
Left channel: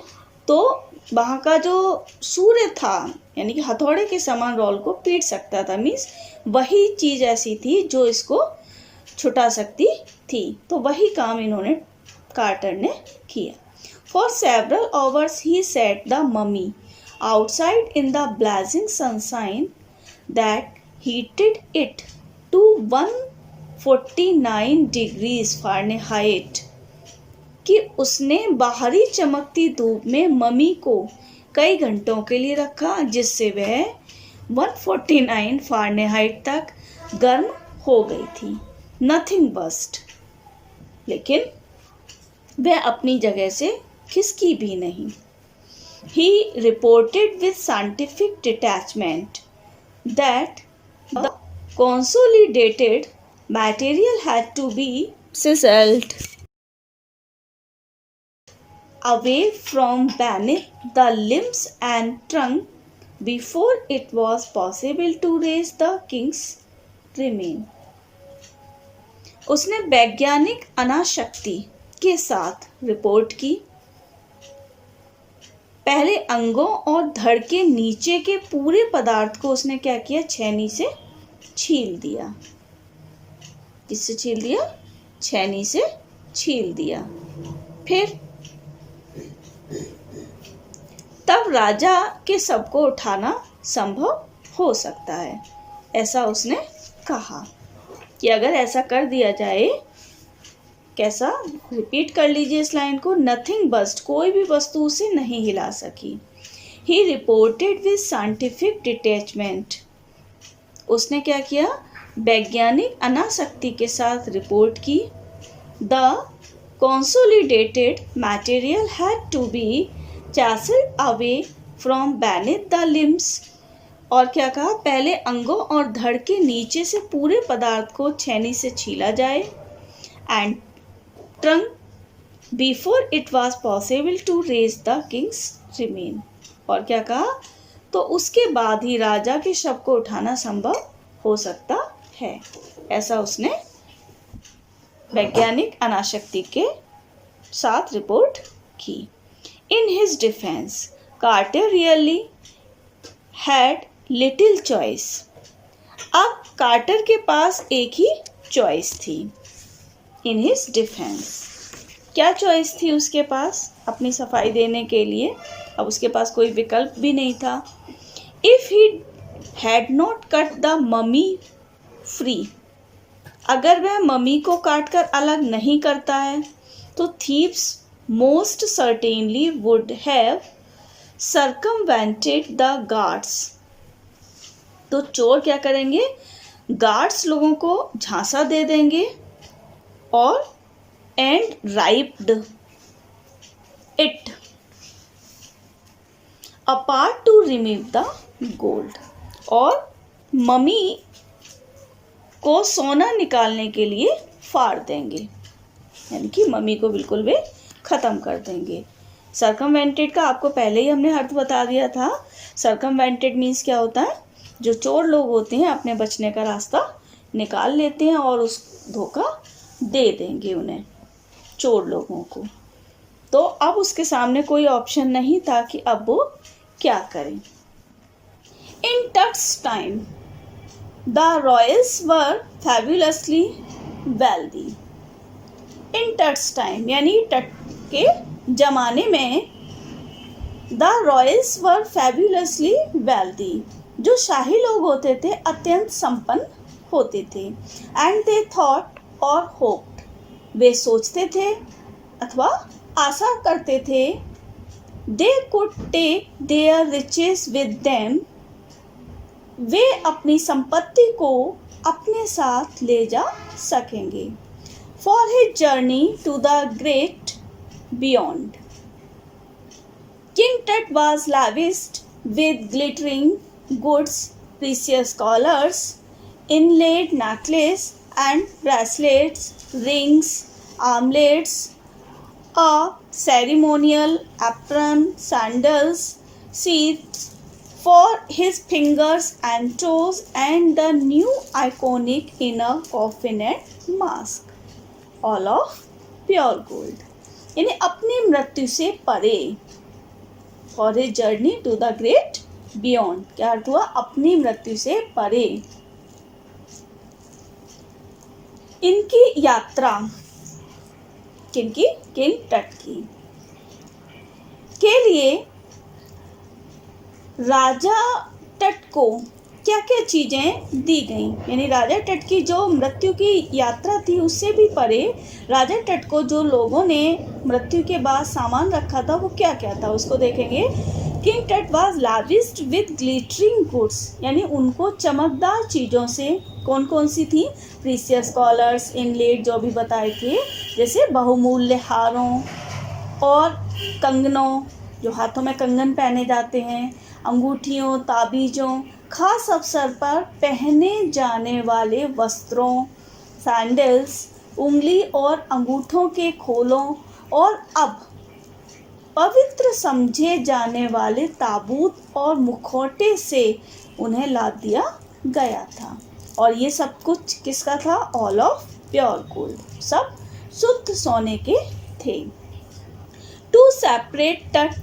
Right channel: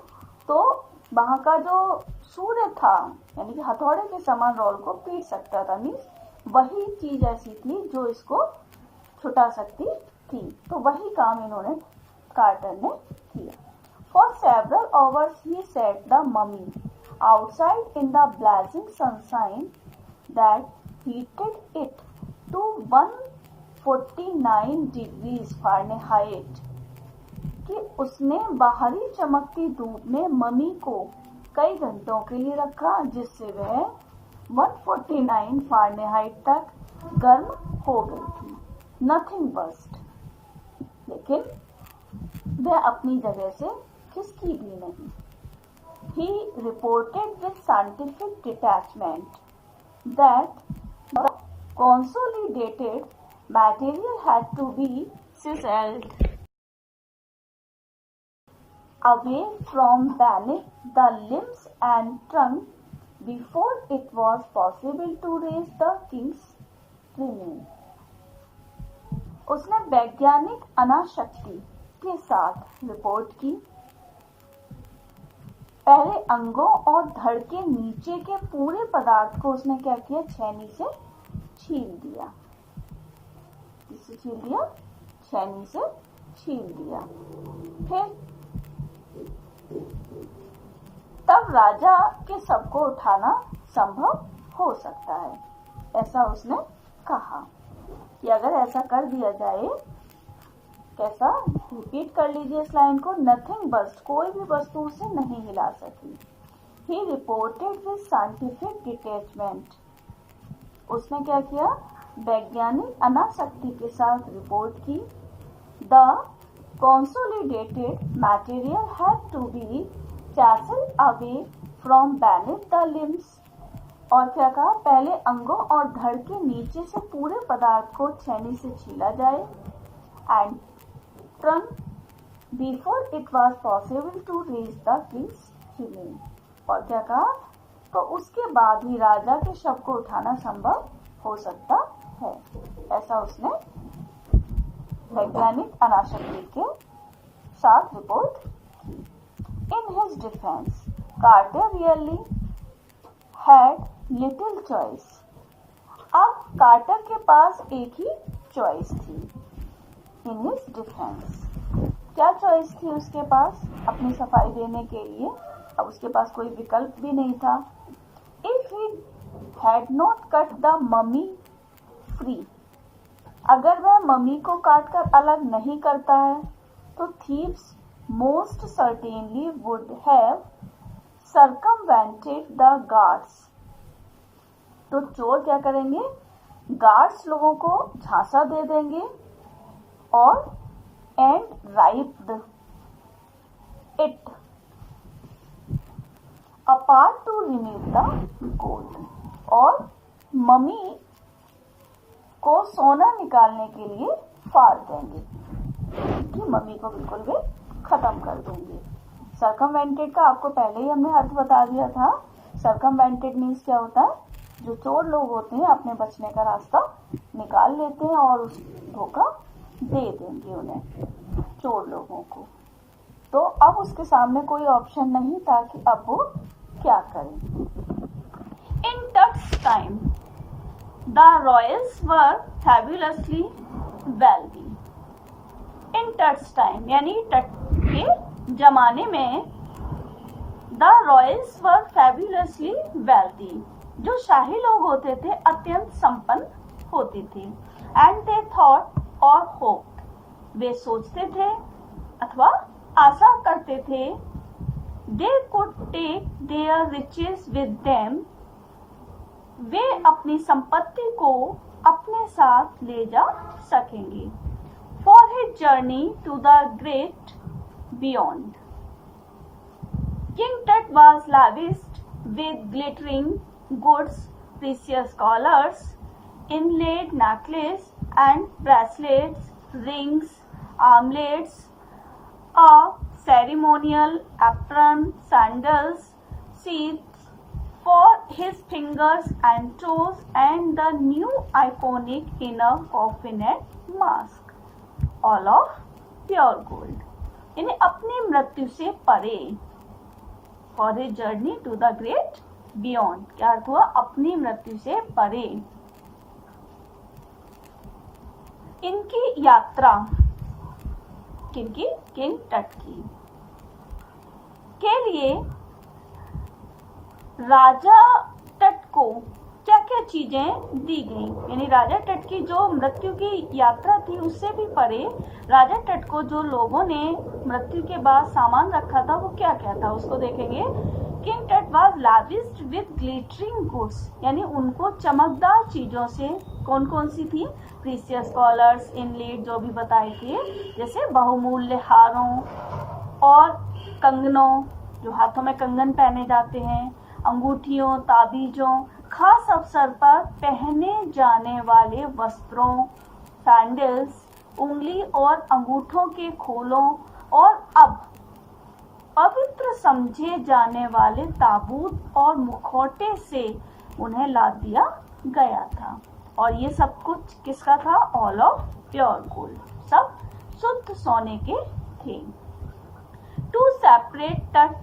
तो वहाँ का जो सूर्य था, यानी कि हथौड़े के समान रोल को पीट सकता था। मीन्स वही चीज़ ऐसी थी जो इसको छुटा सकती थी। तो वही काम इन्होंने, कार्टर ने किया। For several hours he set the mummy outside in the blazing sunshine that heated it to 149 degrees Fahrenheit, कि उसने बाहरी चमकती धूप में ममी को कई घंटों के लिए रखा, जिससे वह 149 फ़ारेनहाइट तक गर्म हो गई थी। नथिंग बस्ट, लेकिन वह अपनी जगह से खिसकी भी नहीं। He reported with scientific detachment that the consolidated material had to be sizzled away from beneath the limbs and trunk before it was possible to raise the king's remain. उसने वैज्ञानिक अनाशक्ति के साथ रिपोर्ट की। पहले अंगों और धड़ के नीचे के पूरे पदार्थ को उसने क्या किया, छेनी से छील दिया। किससे छील दिया? छेनी से छील दिया। फिर तब राजा के शव को उठाना संभव हो सकता है, ऐसा उसने कहा कि अगर ऐसा कर दिया जाए। कैसा? रिपीट कर लीजिए इस लाइन को। नथिंग बस्ट, कोई भी वस्तु उसे नहीं हिला सकी। ही रिपोर्टेड विद साइंटिफिक डिटैचमेंट, उसने क्या किया, वैज्ञानिक अनासक्ति के साथ रिपोर्ट की। The consolidated material had to be chiseled away from beneath the limbs, और क्या कहा, पहले अंगों और धड़ के नीचे से पूरे पदार्थ को छेनी से छीला जाए। And trunk before it was possible to raise the king's remain, और क्या कहा, तो उसके बाद ही राजा के शव को उठाना संभव हो सकता है, ऐसा उसने वैज्ञानिक अनाशक्ति के साथ रिपोर्ट की। In his defence Carter really had little choice. अब कार्टर के पास एक ही चॉइस थी। इन हिज डिफेंस, क्या चॉइस थी उसके पास अपनी सफाई देने के लिए? अब उसके पास कोई विकल्प भी नहीं था। If he had not cut the mummy free, अगर वह ममी को काट कर अलग नहीं करता है तो thieves most certainly would have circumvented the guards, तो चोर क्या करेंगे, गार्ड्स लोगों को झांसा दे देंगे और and ripped it apart to remove the gold, और ममी को सोना निकालने के लिए फाड़ देंगे, कि मम्मी को बिल्कुल वे ख़त्म कर देंगे। सर्कमवेंटेड का आपको पहले ही हमने अर्थ बता दिया था। सर्कमवेंटेड मीन्स क्या होता है, जो चोर लोग होते हैं अपने बचने का रास्ता निकाल लेते हैं और उस धोखा दे देंगे उन्हें, चोर लोगों को। तो अब उसके सामने कोई ऑप्शन नहीं था कि अब वो क्या करें। In Tut's time the royals were fabulously wealthy. In Tut's time यानी टट के जमाने में the royals were fabulously wealthy, जो शाही लोग होते थे अत्यंत संपन्न होते थे। And they thought or hoped, वे सोचते थे अथवा आशा करते थे, they could take their riches with them, वे अपनी संपत्ति को अपने साथ ले जा सकेंगे। For his journey to the great beyond, king टट was lavished with glittering goods, precious collars, inlaid necklace and bracelets, rings, armlets, a ceremonial apron, sandals, sheaths for his fingers and toes, and the new iconic inner coffin and mask, all of pure gold. यानी अपनी मृत्यु से परे, for his journey to the great beyond, क्या अर्थ हुआ, अपनी मृत्यु से परे। इनकी यात्रा, किनकी, किंग टट की, के लिए राजा टट को क्या क्या चीज़ें दी गई। यानी राजा टट की जो मृत्यु की यात्रा थी उससे भी परे राजा टट को जो लोगों ने मृत्यु के बाद सामान रखा था वो क्या क्या था, उसको देखेंगे। King Tut was लाविश्ड with glittering goods, यानी उनको चमकदार चीज़ों से, कौन कौन सी थी, प्रीसियस कॉलर्स, इनलेट जो भी बताए थे, जैसे बहुमूल्य हारों और कंगनों, जो हाथों में कंगन पहने जाते हैं, अंगूठियों, ताबीज़ों, खास अवसर पर पहने जाने वाले वस्त्रों, सैंडल्स, उंगली और अंगूठों के खोलों, और अब पवित्र समझे जाने वाले ताबूत और मुखौटे से उन्हें लाद दिया गया था। और ये सब कुछ किसका था, ऑल ऑफ प्योर गोल्ड, सब शुद्ध सोने के थे। टू सेपरेट टट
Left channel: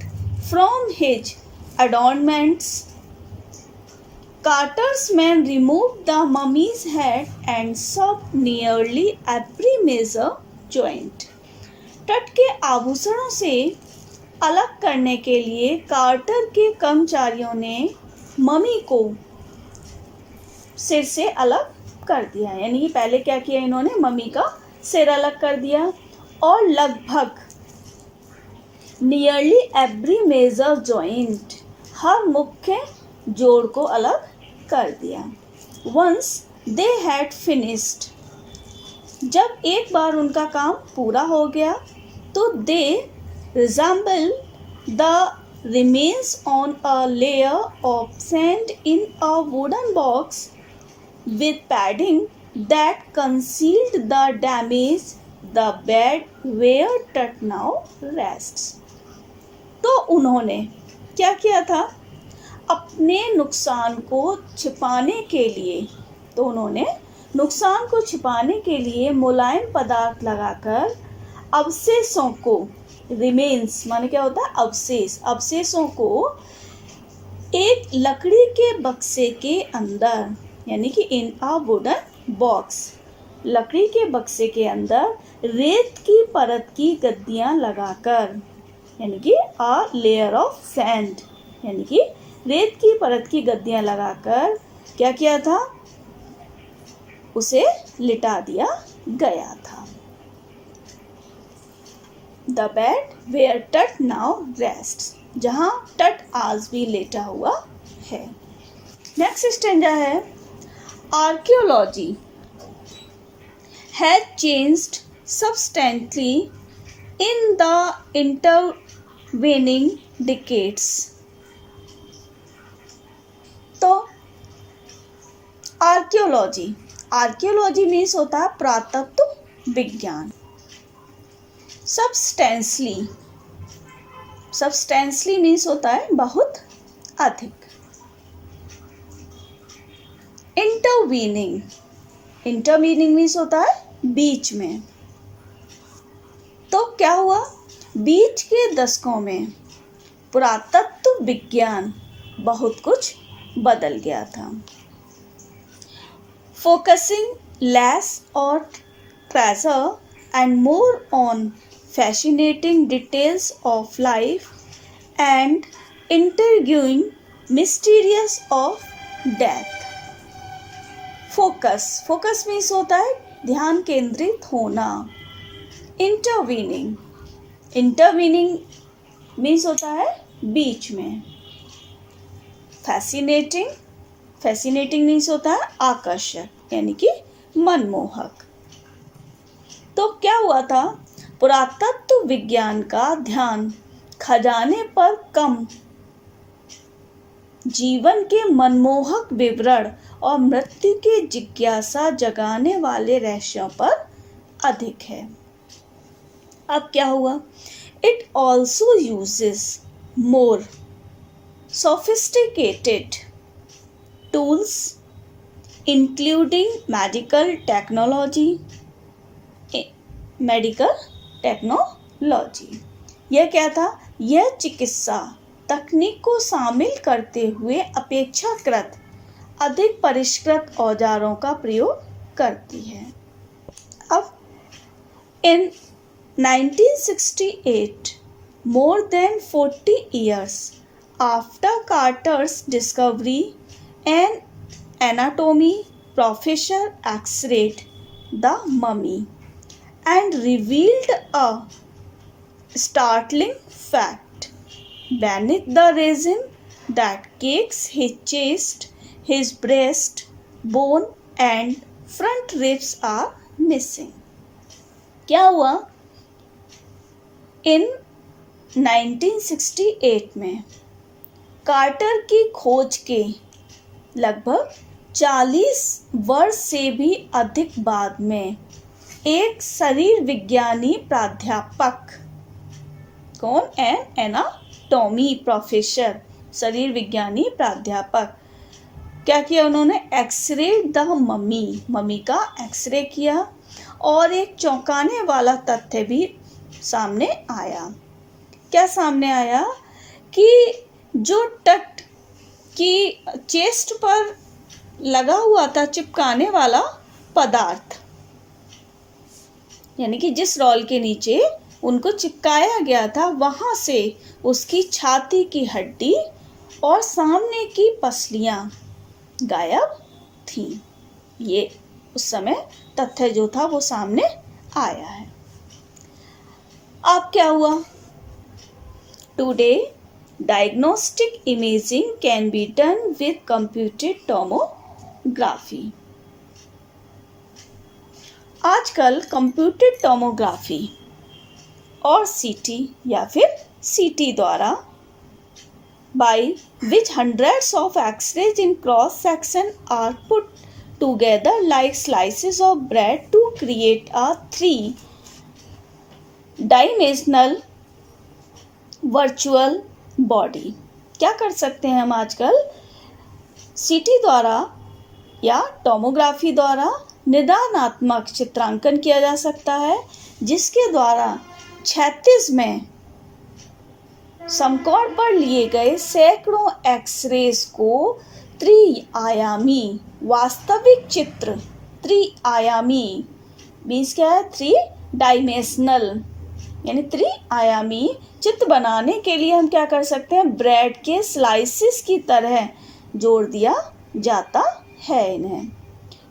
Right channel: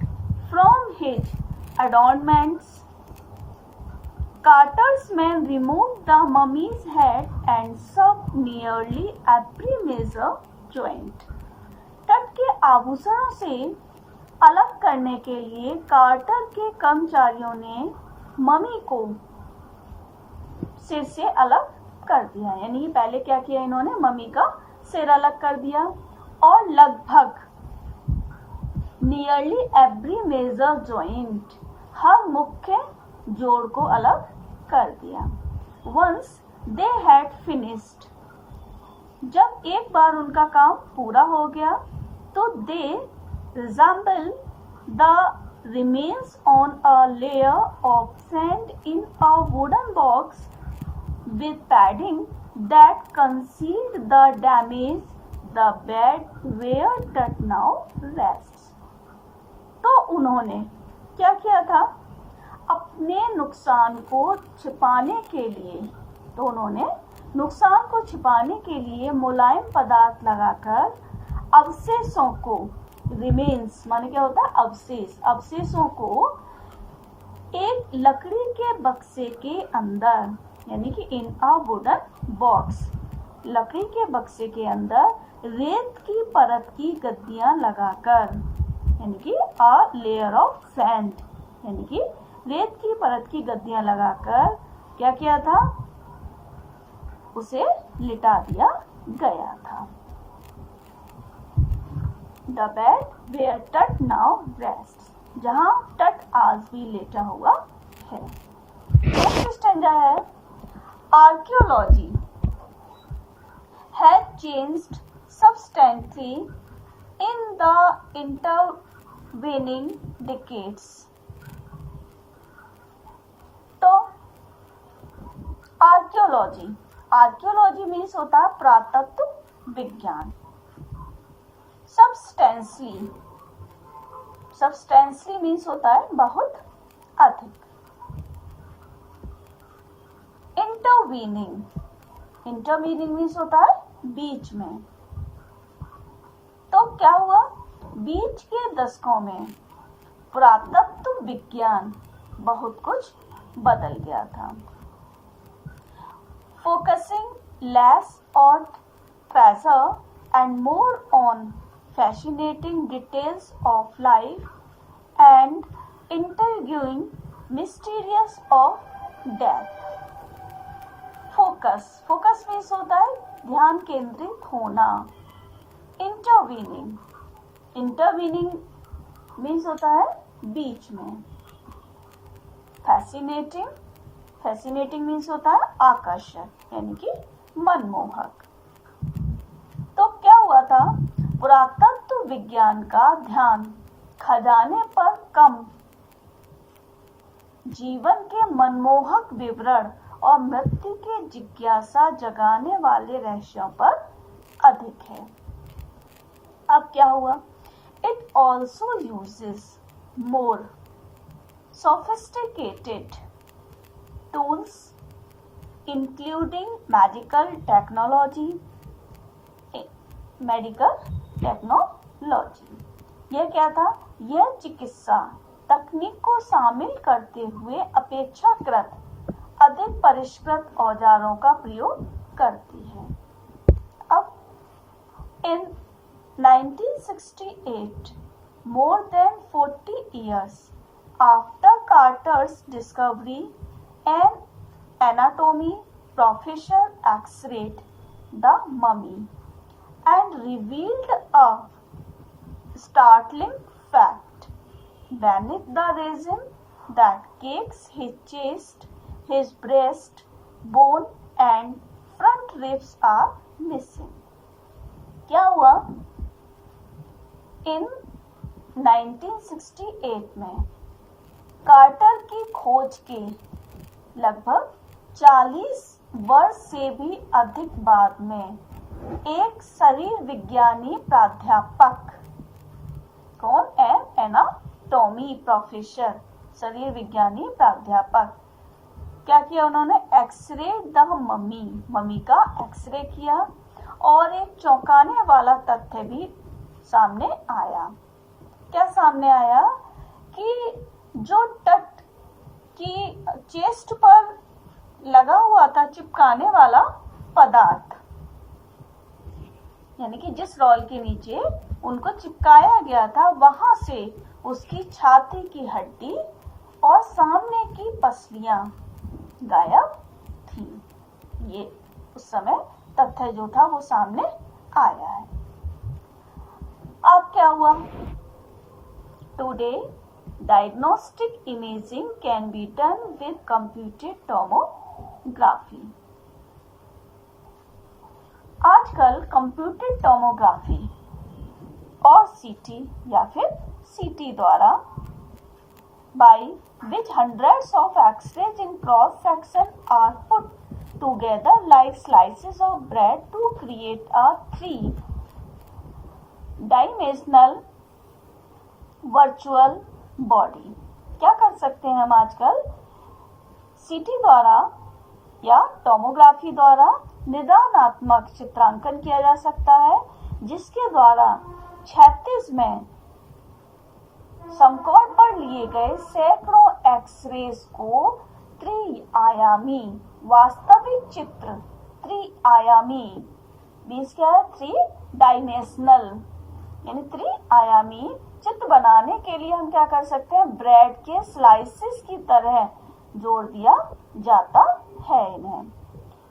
from his adornments, carter's men removed the mummy's head and sewed nearly every major joint. टट के आभूषणों से अलग करने के लिए कार्टर के कर्मचारियों ने मम्मी को सिर से अलग कर दिया। यानी पहले क्या किया इन्होंने, मम्मी का सिर अलग कर दिया और लगभग नियरली एवरी मेजर जॉइंट, हर मुख्य जोड़ को अलग कर दिया। वंस दे हैड फिनिश्ड, जब एक बार उनका काम पूरा हो गया तो they reassembled the remains on a layer of sand in a wooden box with padding that concealed the damage the bed where Tut now rests. तो उन्होंने क्या किया था, अपने नुकसान को छिपाने के लिए, तो उन्होंने नुकसान को छिपाने के लिए मुलायम पदार्थ लगाकर अवशेषों को, रिमेन्स माने क्या होता है, अवशेष, अवशेषों को एक लकड़ी के बक्से के अंदर, यानी कि इन अ वुडन बॉक्स, लकड़ी के बक्से के अंदर रेत की परत की गद्दियाँ लगाकर, यानी कि अ लेयर ऑफ सैंड, यानी कि रेत की परत की गद्दियाँ लगाकर क्या किया था, उसे लिटा दिया गया था। The bed where Tut now rests, जहाँ टट आज भी लेटा हुआ है। नेक्स्ट स्टेंजा है, archaeology has changed substantially in the intervening decades. तो आर्कियोलॉजी, आर्कियोलॉजी मीन्स होता है पुरातत्व विज्ञान। सब्सटेंसली सब्सटेंसली मीन्स होता है बहुत अधिक। इंटरवीनिंग, इंटरवीनिंग मीन्स होता है बीच में। तो क्या हुआ, बीच के दशकों में पुरातत्व विज्ञान बहुत कुछ बदल गया था। फोकसिंग लेस और treasure and more on fascinating details of life and intriguing mysteries of death. Focus, focus means होता है ध्यान केंद्रित होना। Intervening, intervening means होता है बीच में। Fascinating, fascinating means होता है आकर्षक यानी कि मनमोहक। तो क्या हुआ था, पुरातत्व विज्ञान का ध्यान खजाने पर कम, जीवन के मनमोहक विवरण और मृत्यु के जिज्ञासा जगाने वाले रहस्यों पर अधिक है। अब क्या हुआ, it also uses more sophisticated tools including medical technology. यह क्या था, यह चिकित्सा तकनीक को शामिल करते हुए अपेक्षाकृत अधिक परिष्कृत औजारों का प्रयोग करती है। अब इन 1968, more than 40 years after Carter's discovery, an anatomy professor x-rayed the mummy and revealed a startling fact. Beneath the resin that cakes his chest, his breast bone and front ribs are missing. क्या हुआ, इन 1968 में कार्टर की खोज के लगभग 40 वर्ष से भी अधिक बाद में एक शरीर विज्ञानी प्राध्यापक, कौन, एनाटॉमी प्रोफेसर, शरीर विज्ञानी प्राध्यापक, क्या किया उन्होंने, एक्सरे द मम्मी का एक्सरे किया और एक चौंकाने वाला तथ्य भी सामने आया। क्या सामने आया कि जो टट की चेस्ट पर लगा हुआ था चिपकाने वाला पदार्थ, यानी कि जिस रॉल के नीचे उनको चिपकाया गया था, वहाँ से उसकी छाती की हड्डी और सामने की पसलियाँ गायब थीं। ये उस समय तथ्य जो था वो सामने आया है। अब क्या हुआ, today diagnostic imaging can be done with computed tomography. आजकल कंप्यूटेड टोमोग्राफी और सीटी या फिर सीटी द्वारा by which hundreds of x-rays in cross section are put together like slices of bread to create a 3-dimensional virtual body। क्या कर सकते हैं हम आजकल, सीटी द्वारा या टोमोग्राफी द्वारा निदानात्मक चित्रांकन किया जा सकता है, जिसके द्वारा 36 में समकोण पर लिए गए सैकड़ों एक्सरेज को त्रिआयामी वास्तविक चित्र, त्रिआयामी मीन्स क्या है, 3 डायमेंशनल यानी त्रिआयामी चित्र बनाने के लिए हम क्या कर सकते हैं, ब्रेड के स्लाइसिस की तरह जोड़ दिया जाता है इन्हें।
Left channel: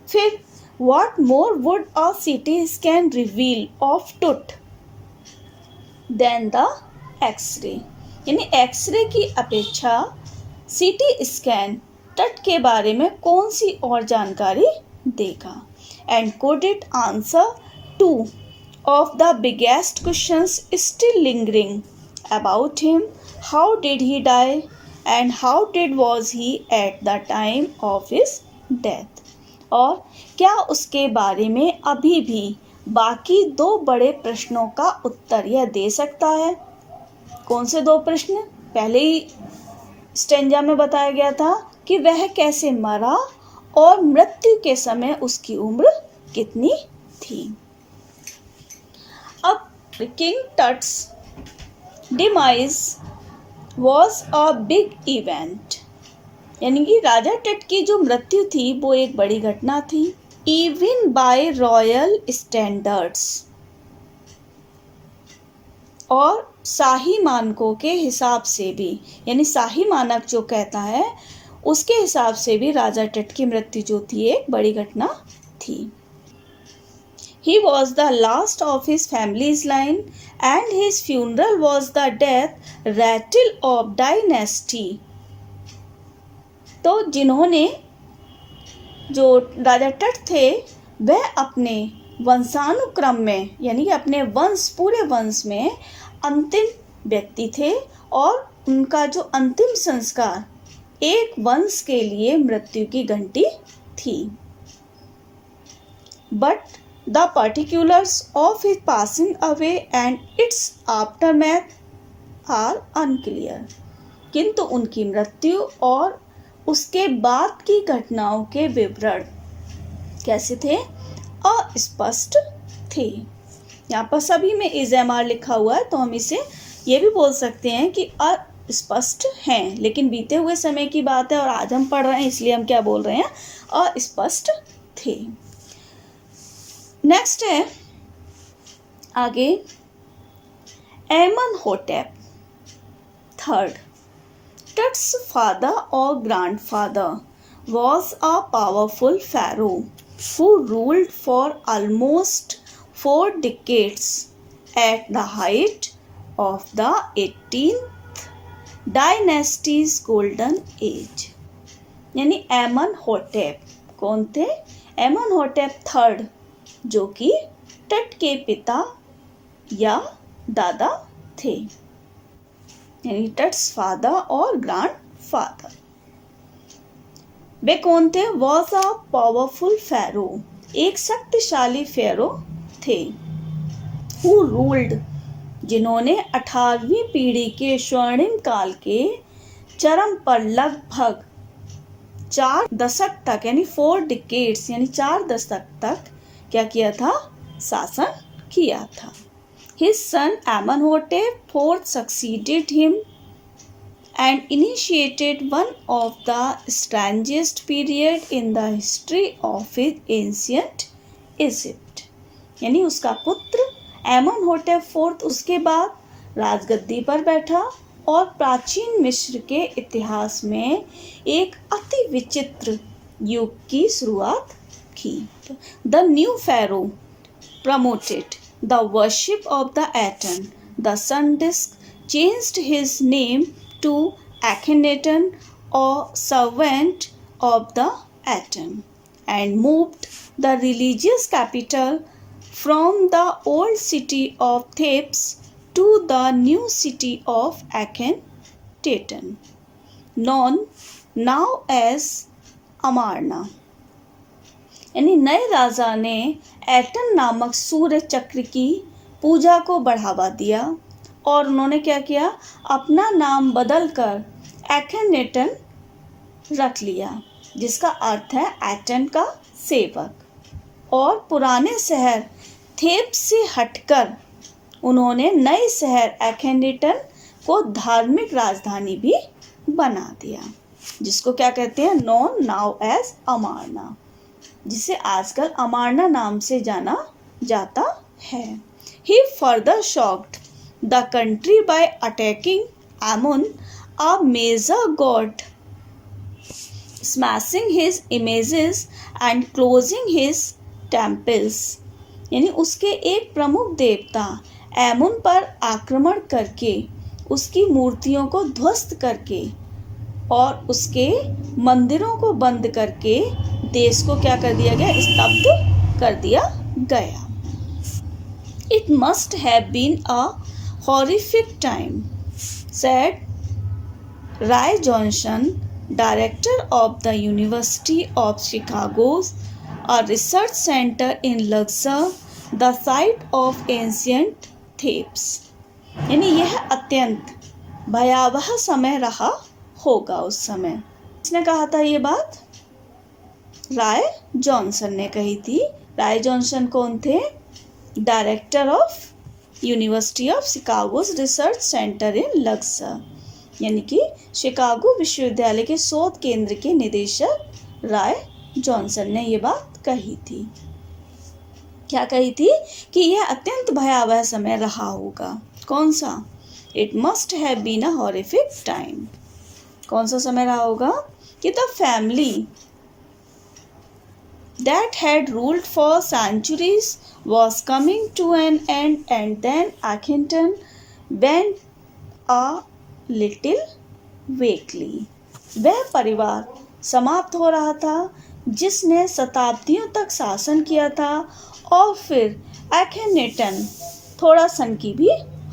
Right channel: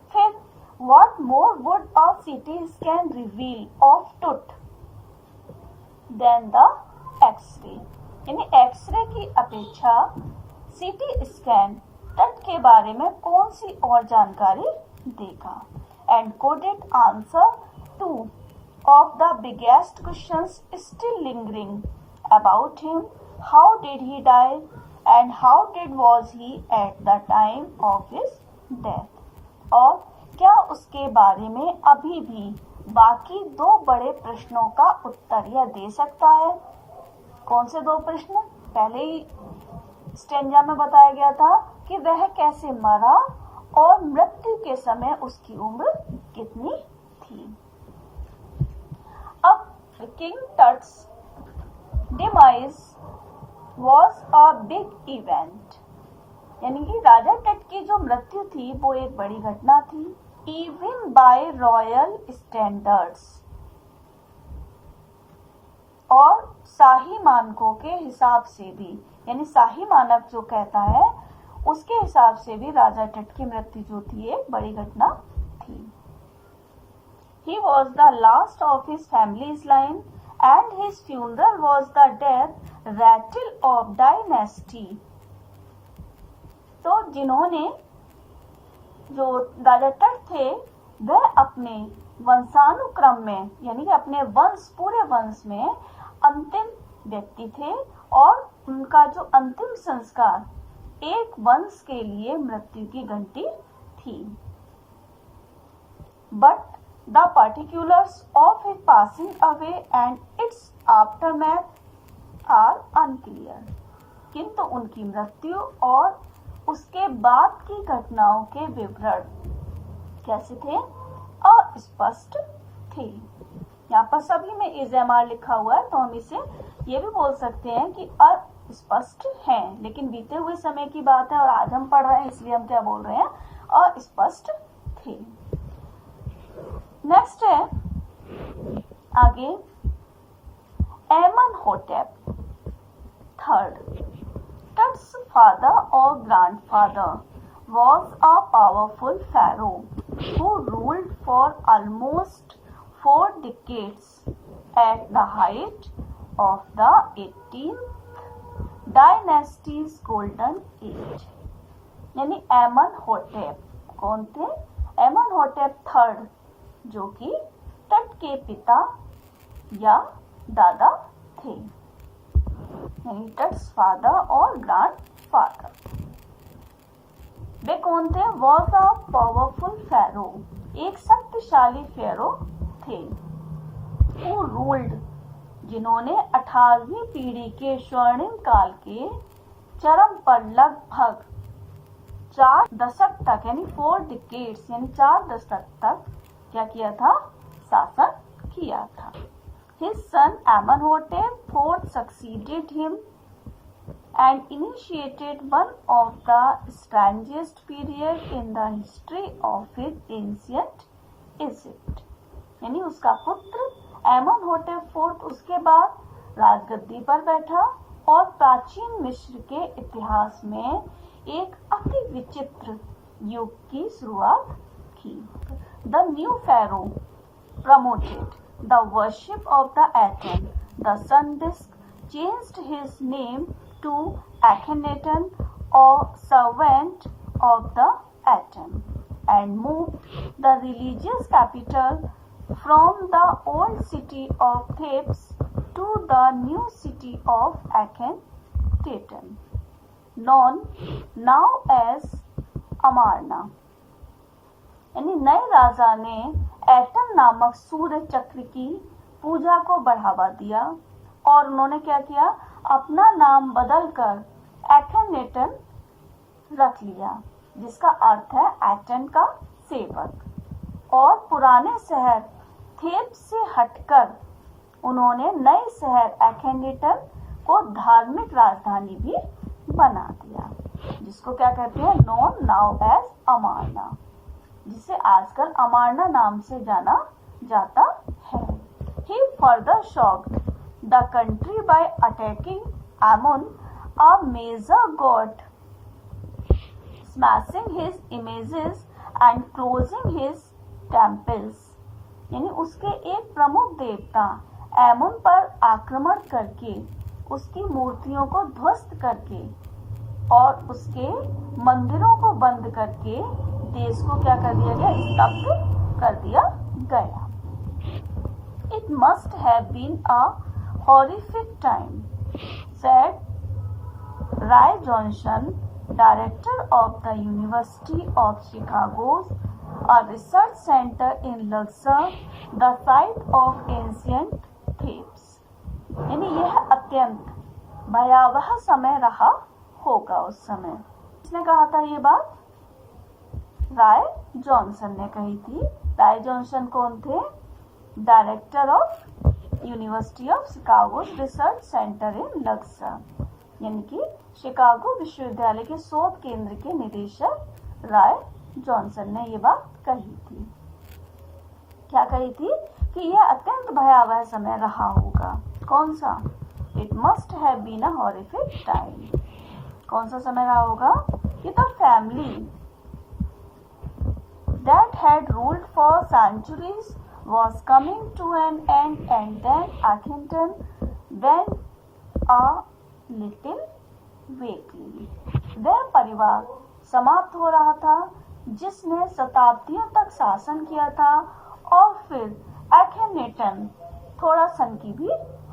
फिर what more would a CT scan reveal of tooth than the X-ray, यानी एक्सरे की अपेक्षा सीटी स्कैन तट के बारे में कौन सी और जानकारी देगा। And could it answer two of the biggest questions still lingering about him, how did he die and how dead was he at the time of his death, और क्या उसके बारे में अभी भी बाकी 2 बड़े प्रश्नों का उत्तर यह दे सकता है कौन से 2 प्रश्न? पहले ही स्टेंजा में बताया गया था कि वह कैसे मरा और मृत्यु के समय उसकी उम्र कितनी थी। अब King Tut's demise was a big event, यानी कि राजा टट की जो मृत्यु थी वो एक बड़ी घटना थी। इवन बाय रॉयल स्टैंडर्ड्स, और शाही मानकों के हिसाब से भी, यानी शाही मानक जो कहता है उसके हिसाब से भी राजा टट की मृत्यु जो थी एक बड़ी घटना थी। He was the last of his family's line and his funeral was the death rattle of dynasty. तो जिन्होंने, जो राजा टट थे वह अपने वंशानुक्रम में, यानी अपने वंश, पूरे वंश में अंतिम व्यक्ति थे और उनका जो अंतिम संस्कार एक वंश के लिए मृत्यु की घंटी थी। But the particulars of his passing away and its aftermath are unclear, किंतु उनकी मृत्यु और उसके बाद की घटनाओं के विवरण कैसे थे? अस्पष्ट थे। यहाँ पर सभी में इज़-एम-आर लिखा हुआ है, तो हम इसे ये भी बोल सकते हैं कि अस्पष्ट हैं, लेकिन बीते हुए समय की बात है और आज हम पढ़ रहे हैं, इसलिए हम क्या बोल रहे हैं? अस्पष्ट थे। नेक्स्ट है आगे, एमनहोटेप थर्ड, टट्स फादर और grandfather was a powerful pharaoh who ruled for almost 4 decades at the height of the 18th dynasty's golden age. यानी एमनहोटेप कौन थे? एमनहोटेप थर्ड, जो कि टट के पिता या दादा थे, यानी टट्स फादर और ग्रैंडफादर। वे कौन थे? वॉज अ पावरफुल फेरो, एक शक्तिशाली फेरो थे। हु रूल्ड, जिन्होंने 18वीं पीढ़ी के स्वर्णिम काल के चरम पर लगभग 4 दशक तक, यानी 4 डिकेड्स, यानी 4 दशक तक क्या किया था? शासन किया था। His son Amenhotep IV succeeded him and initiated one of the strangest period in the history of ancient Egypt. यानी उसका पुत्र एमनहोटेप IV उसके बाद राजगद्दी पर बैठा और प्राचीन मिस्र के इतिहास में एक अति विचित्र युग की शुरुआत की। The new pharaoh promoted the worship of the Aten, the sun disk, changed his name to Akhenaten, or servant of the Aten, and moved the religious capital from the old city of Thebes to the new city of Akhenaten, known now as Amarna. यानी नए राजा ने एटन नामक सूर्य चक्र की पूजा को बढ़ावा दिया और उन्होंने क्या किया? अपना नाम बदलकर एखेनेटन रख लिया, जिसका अर्थ है एटन का सेवक। और पुराने शहर थेब्स से हटकर उन्होंने नए शहर एखेनेटन को धार्मिक राजधानी भी बना दिया, जिसको क्या कहते हैं? नॉन नाउ एज अमारना, जिसे आजकल अमारना नाम से जाना जाता है। He further shocked the country by attacking Amun, a major god, smashing his images and closing his temples. यानी उसके एक प्रमुख देवता एमुन पर आक्रमण करके, उसकी मूर्तियों को ध्वस्त करके और उसके मंदिरों को बंद करके देश को क्या कर दिया गया? स्तब्ध कर दिया गया। It must have been a horrific time, said Ray Johnson, director of the University of Chicago's a research center in Luxor, the site of ancient Thebes. यानी यह अत्यंत भयावह समय रहा होगा उस समय। किसने कहा था ये बात? राय जॉनसन ने कही थी। राय जॉनसन कौन थे? Director of University of Chicago's research centre in Luxor, यानी कि शिकागो विश्वविद्यालय के शोध केंद्र के निदेशक राय जॉनसन ने ये बात कही थी। क्या कही थी? कि यह अत्यंत भयावह समय रहा होगा। कौन सा? It must have been a horrific time. कौन सा समय रहा होगा? कि the family that had ruled for centuries was coming to an end, and then Akhenaten went a little weakly. वह परिवार समाप्त हो रहा था जिसने शताब्दियों तक शासन किया था, और फिर Akhenaten थोड़ा सनकी भी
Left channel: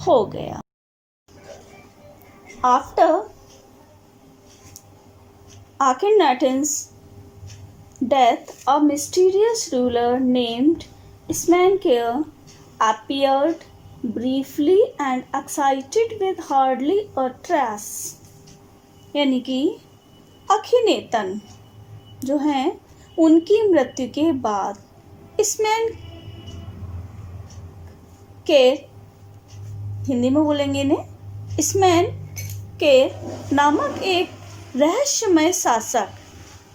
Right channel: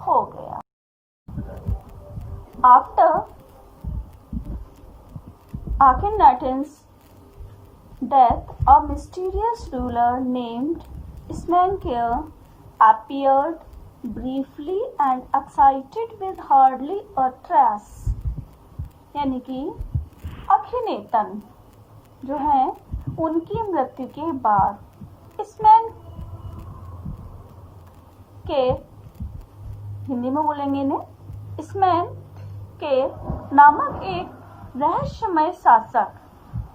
हो गया। After Akhenaten's death, a mysterious ruler named Smenkhare appeared briefly and excited with hardly a trace. यानी कि अखिनेतन जो हैं उनकी मृत्यु के बाद स्मैन के, हिंदी में बोलेंगे इन्हें, स्मैन के नामक एक रहस्यमय शासक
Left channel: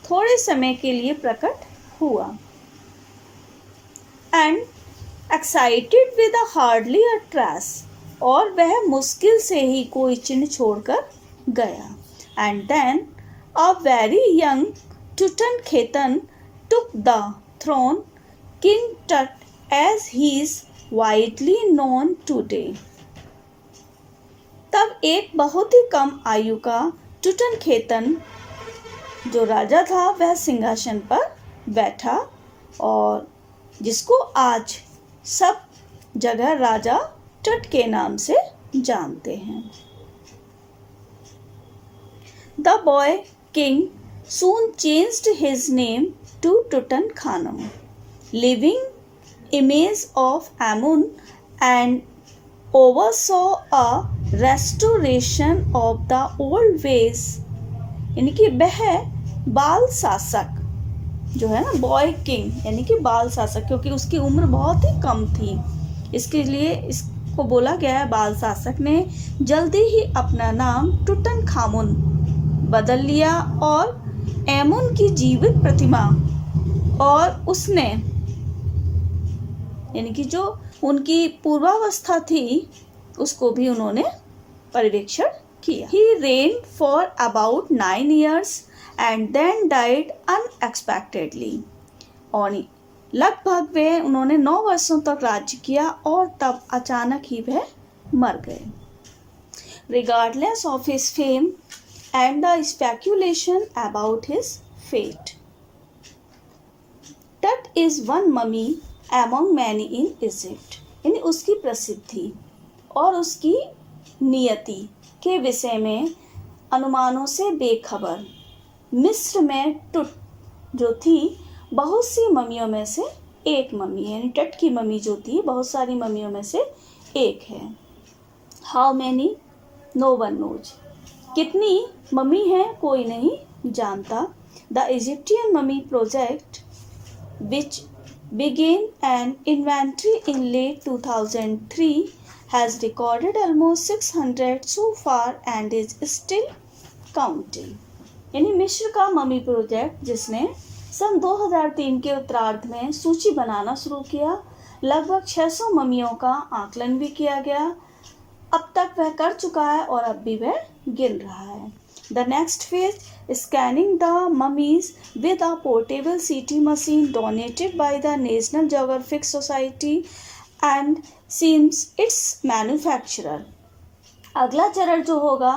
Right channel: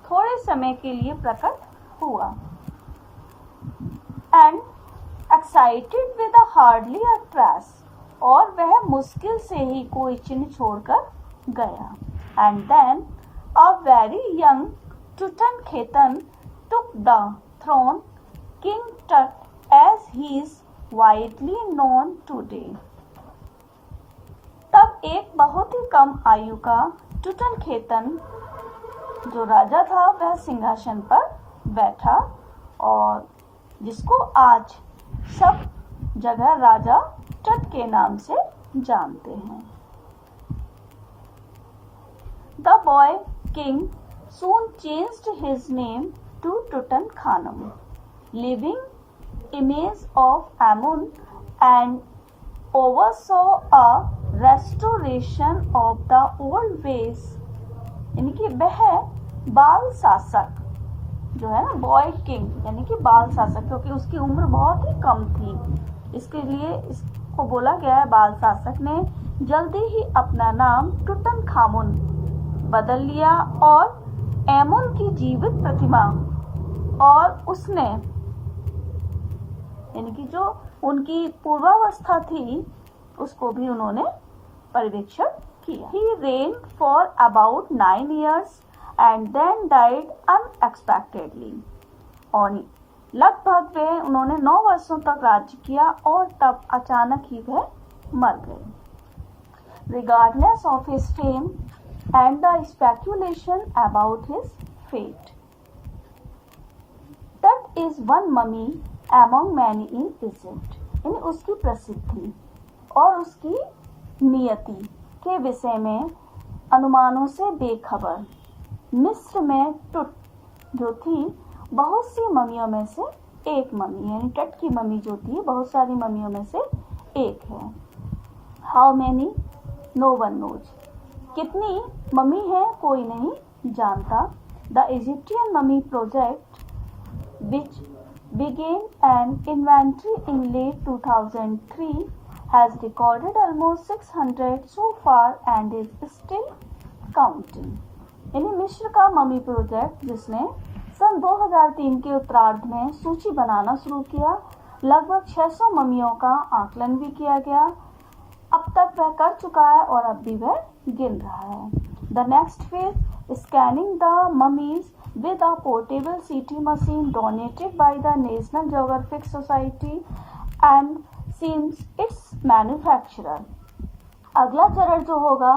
थोड़े समय के लिए प्रकट हुआ। And excited with hardly a trace, और वह मुश्किल से ही कोई चिन्ह छोड़कर गया। And then a very young Tutankhaten took the throne, King Tut as he is widely known today. तब एक बहुत ही कम आयु का टुटनखेतन जो राजा था वह सिंहासन पर बैठा, और जिसको आज सब जगह राजा टट के नाम से जानते हैं। The boy king soon changed his name to Tutankhamun, living image of Amun, and oversaw a restoration of the old ways. यानी कि वह बाल शासक जो है ना, बॉय किंग यानी कि बाल शासक, क्योंकि उसकी उम्र बहुत ही कम थी, इसके लिए इसको बोला गया है बाल शासक ने जल्दी ही अपना नाम टुटनखामुन बदल लिया, और एमुन की जीवित प्रतिमा और उसने यानी कि जो उनकी पूर्वावस्था थी उसको भी उन्होंने पर्यवेक्षण किया। He reigned for about 9 years and then died unexpectedly. और लगभग उन्होंने 9 वर्षों तक राज्य किया और तब अचानक ही वह मर गए। Regardless of his fame and the speculation about his fate, Tut is one mummy among many in Egypt. यानी उसकी प्रसिद्धि और उसकी नियति के विषय में अनुमानों से बेखबर मिस्र में टुट जो थी बहुत सी ममियों में से एक ममी, यानी टट की ममी जो थी बहुत सारी ममियों में से एक है। How many no one knows, कितनी ममी है कोई नहीं जानता। The Egyptian mummy project which began an inventory in late 2003 has recorded almost 600 so far and is still counting. यानी मिस्र का ममी प्रोजेक्ट जिसने सन 2003 के उत्तरार्ध में सूची बनाना शुरू किया, लगभग 600 ममियों का आकलन भी किया गया। अब तक वह कर चुका है और अब भी वह गिन रहा है। The next phase is scanning the mummies with a portable CT machine donated by the National Geographic Society and seems its manufacturer. अगला चरण जो होगा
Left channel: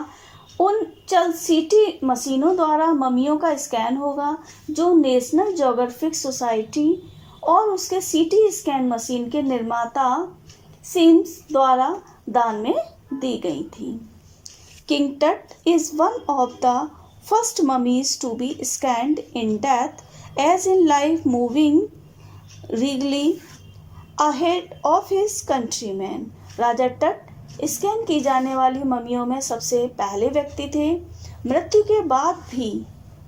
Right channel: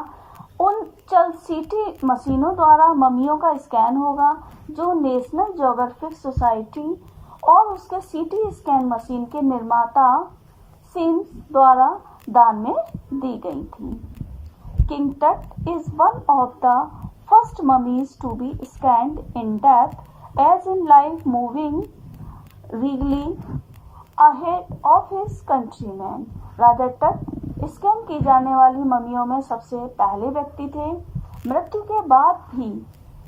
उन चल सीटी मशीनों द्वारा ममियों का स्कैन होगा जो नेशनल ज्योग्राफिक सोसाइटी और उसके सीटी स्कैन मशीन के निर्माता सिम्स द्वारा दान में दी गई थी। King Tut is one of the first mummies to be scanned in death as in life, moving regally ahead of his countrymen. राजा टट स्कैन की जाने वाली मम्मियों में सबसे पहले व्यक्ति थे। मृत्यु के बाद भी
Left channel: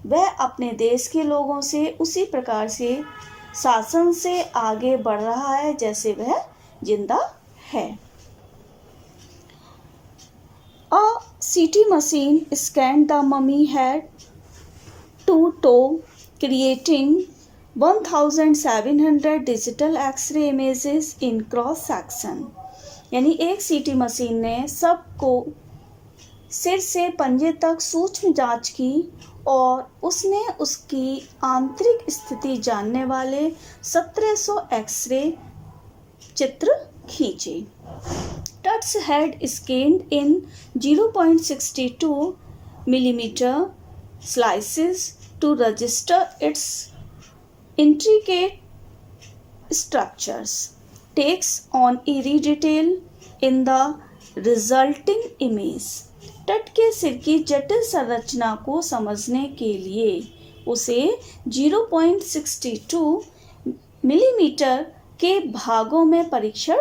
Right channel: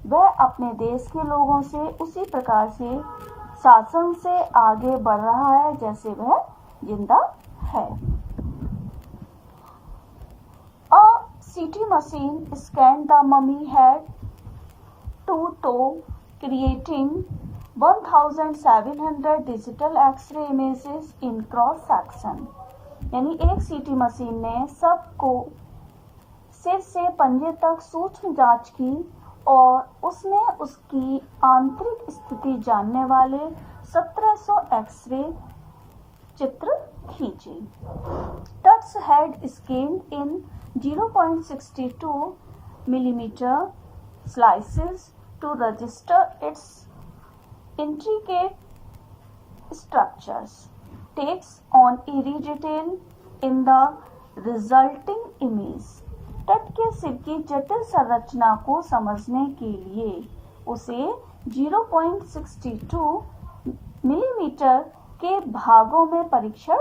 वह अपने देश के लोगों से उसी प्रकार से शासन से आगे बढ़ रहा है जैसे वह जिंदा है। A CT machine scanned the mummy head to toe, creating 1700 digital X-ray images in cross section। यानी एक सीटी मशीन ने सबको सिर से पंजे तक सूक्ष्म जांच की और उसने उसकी आंतरिक स्थिति जानने वाले 1700 एक्सरे चित्र खींचे। Tutt's had scanned in 0.62 millimeter slices to register its intricate structures, takes on eerie detail in the resulting image। तट के सिर की जटिल संरचना को समझने के लिए उसे 0.62 मिलीमीटर के भागों में परीक्षण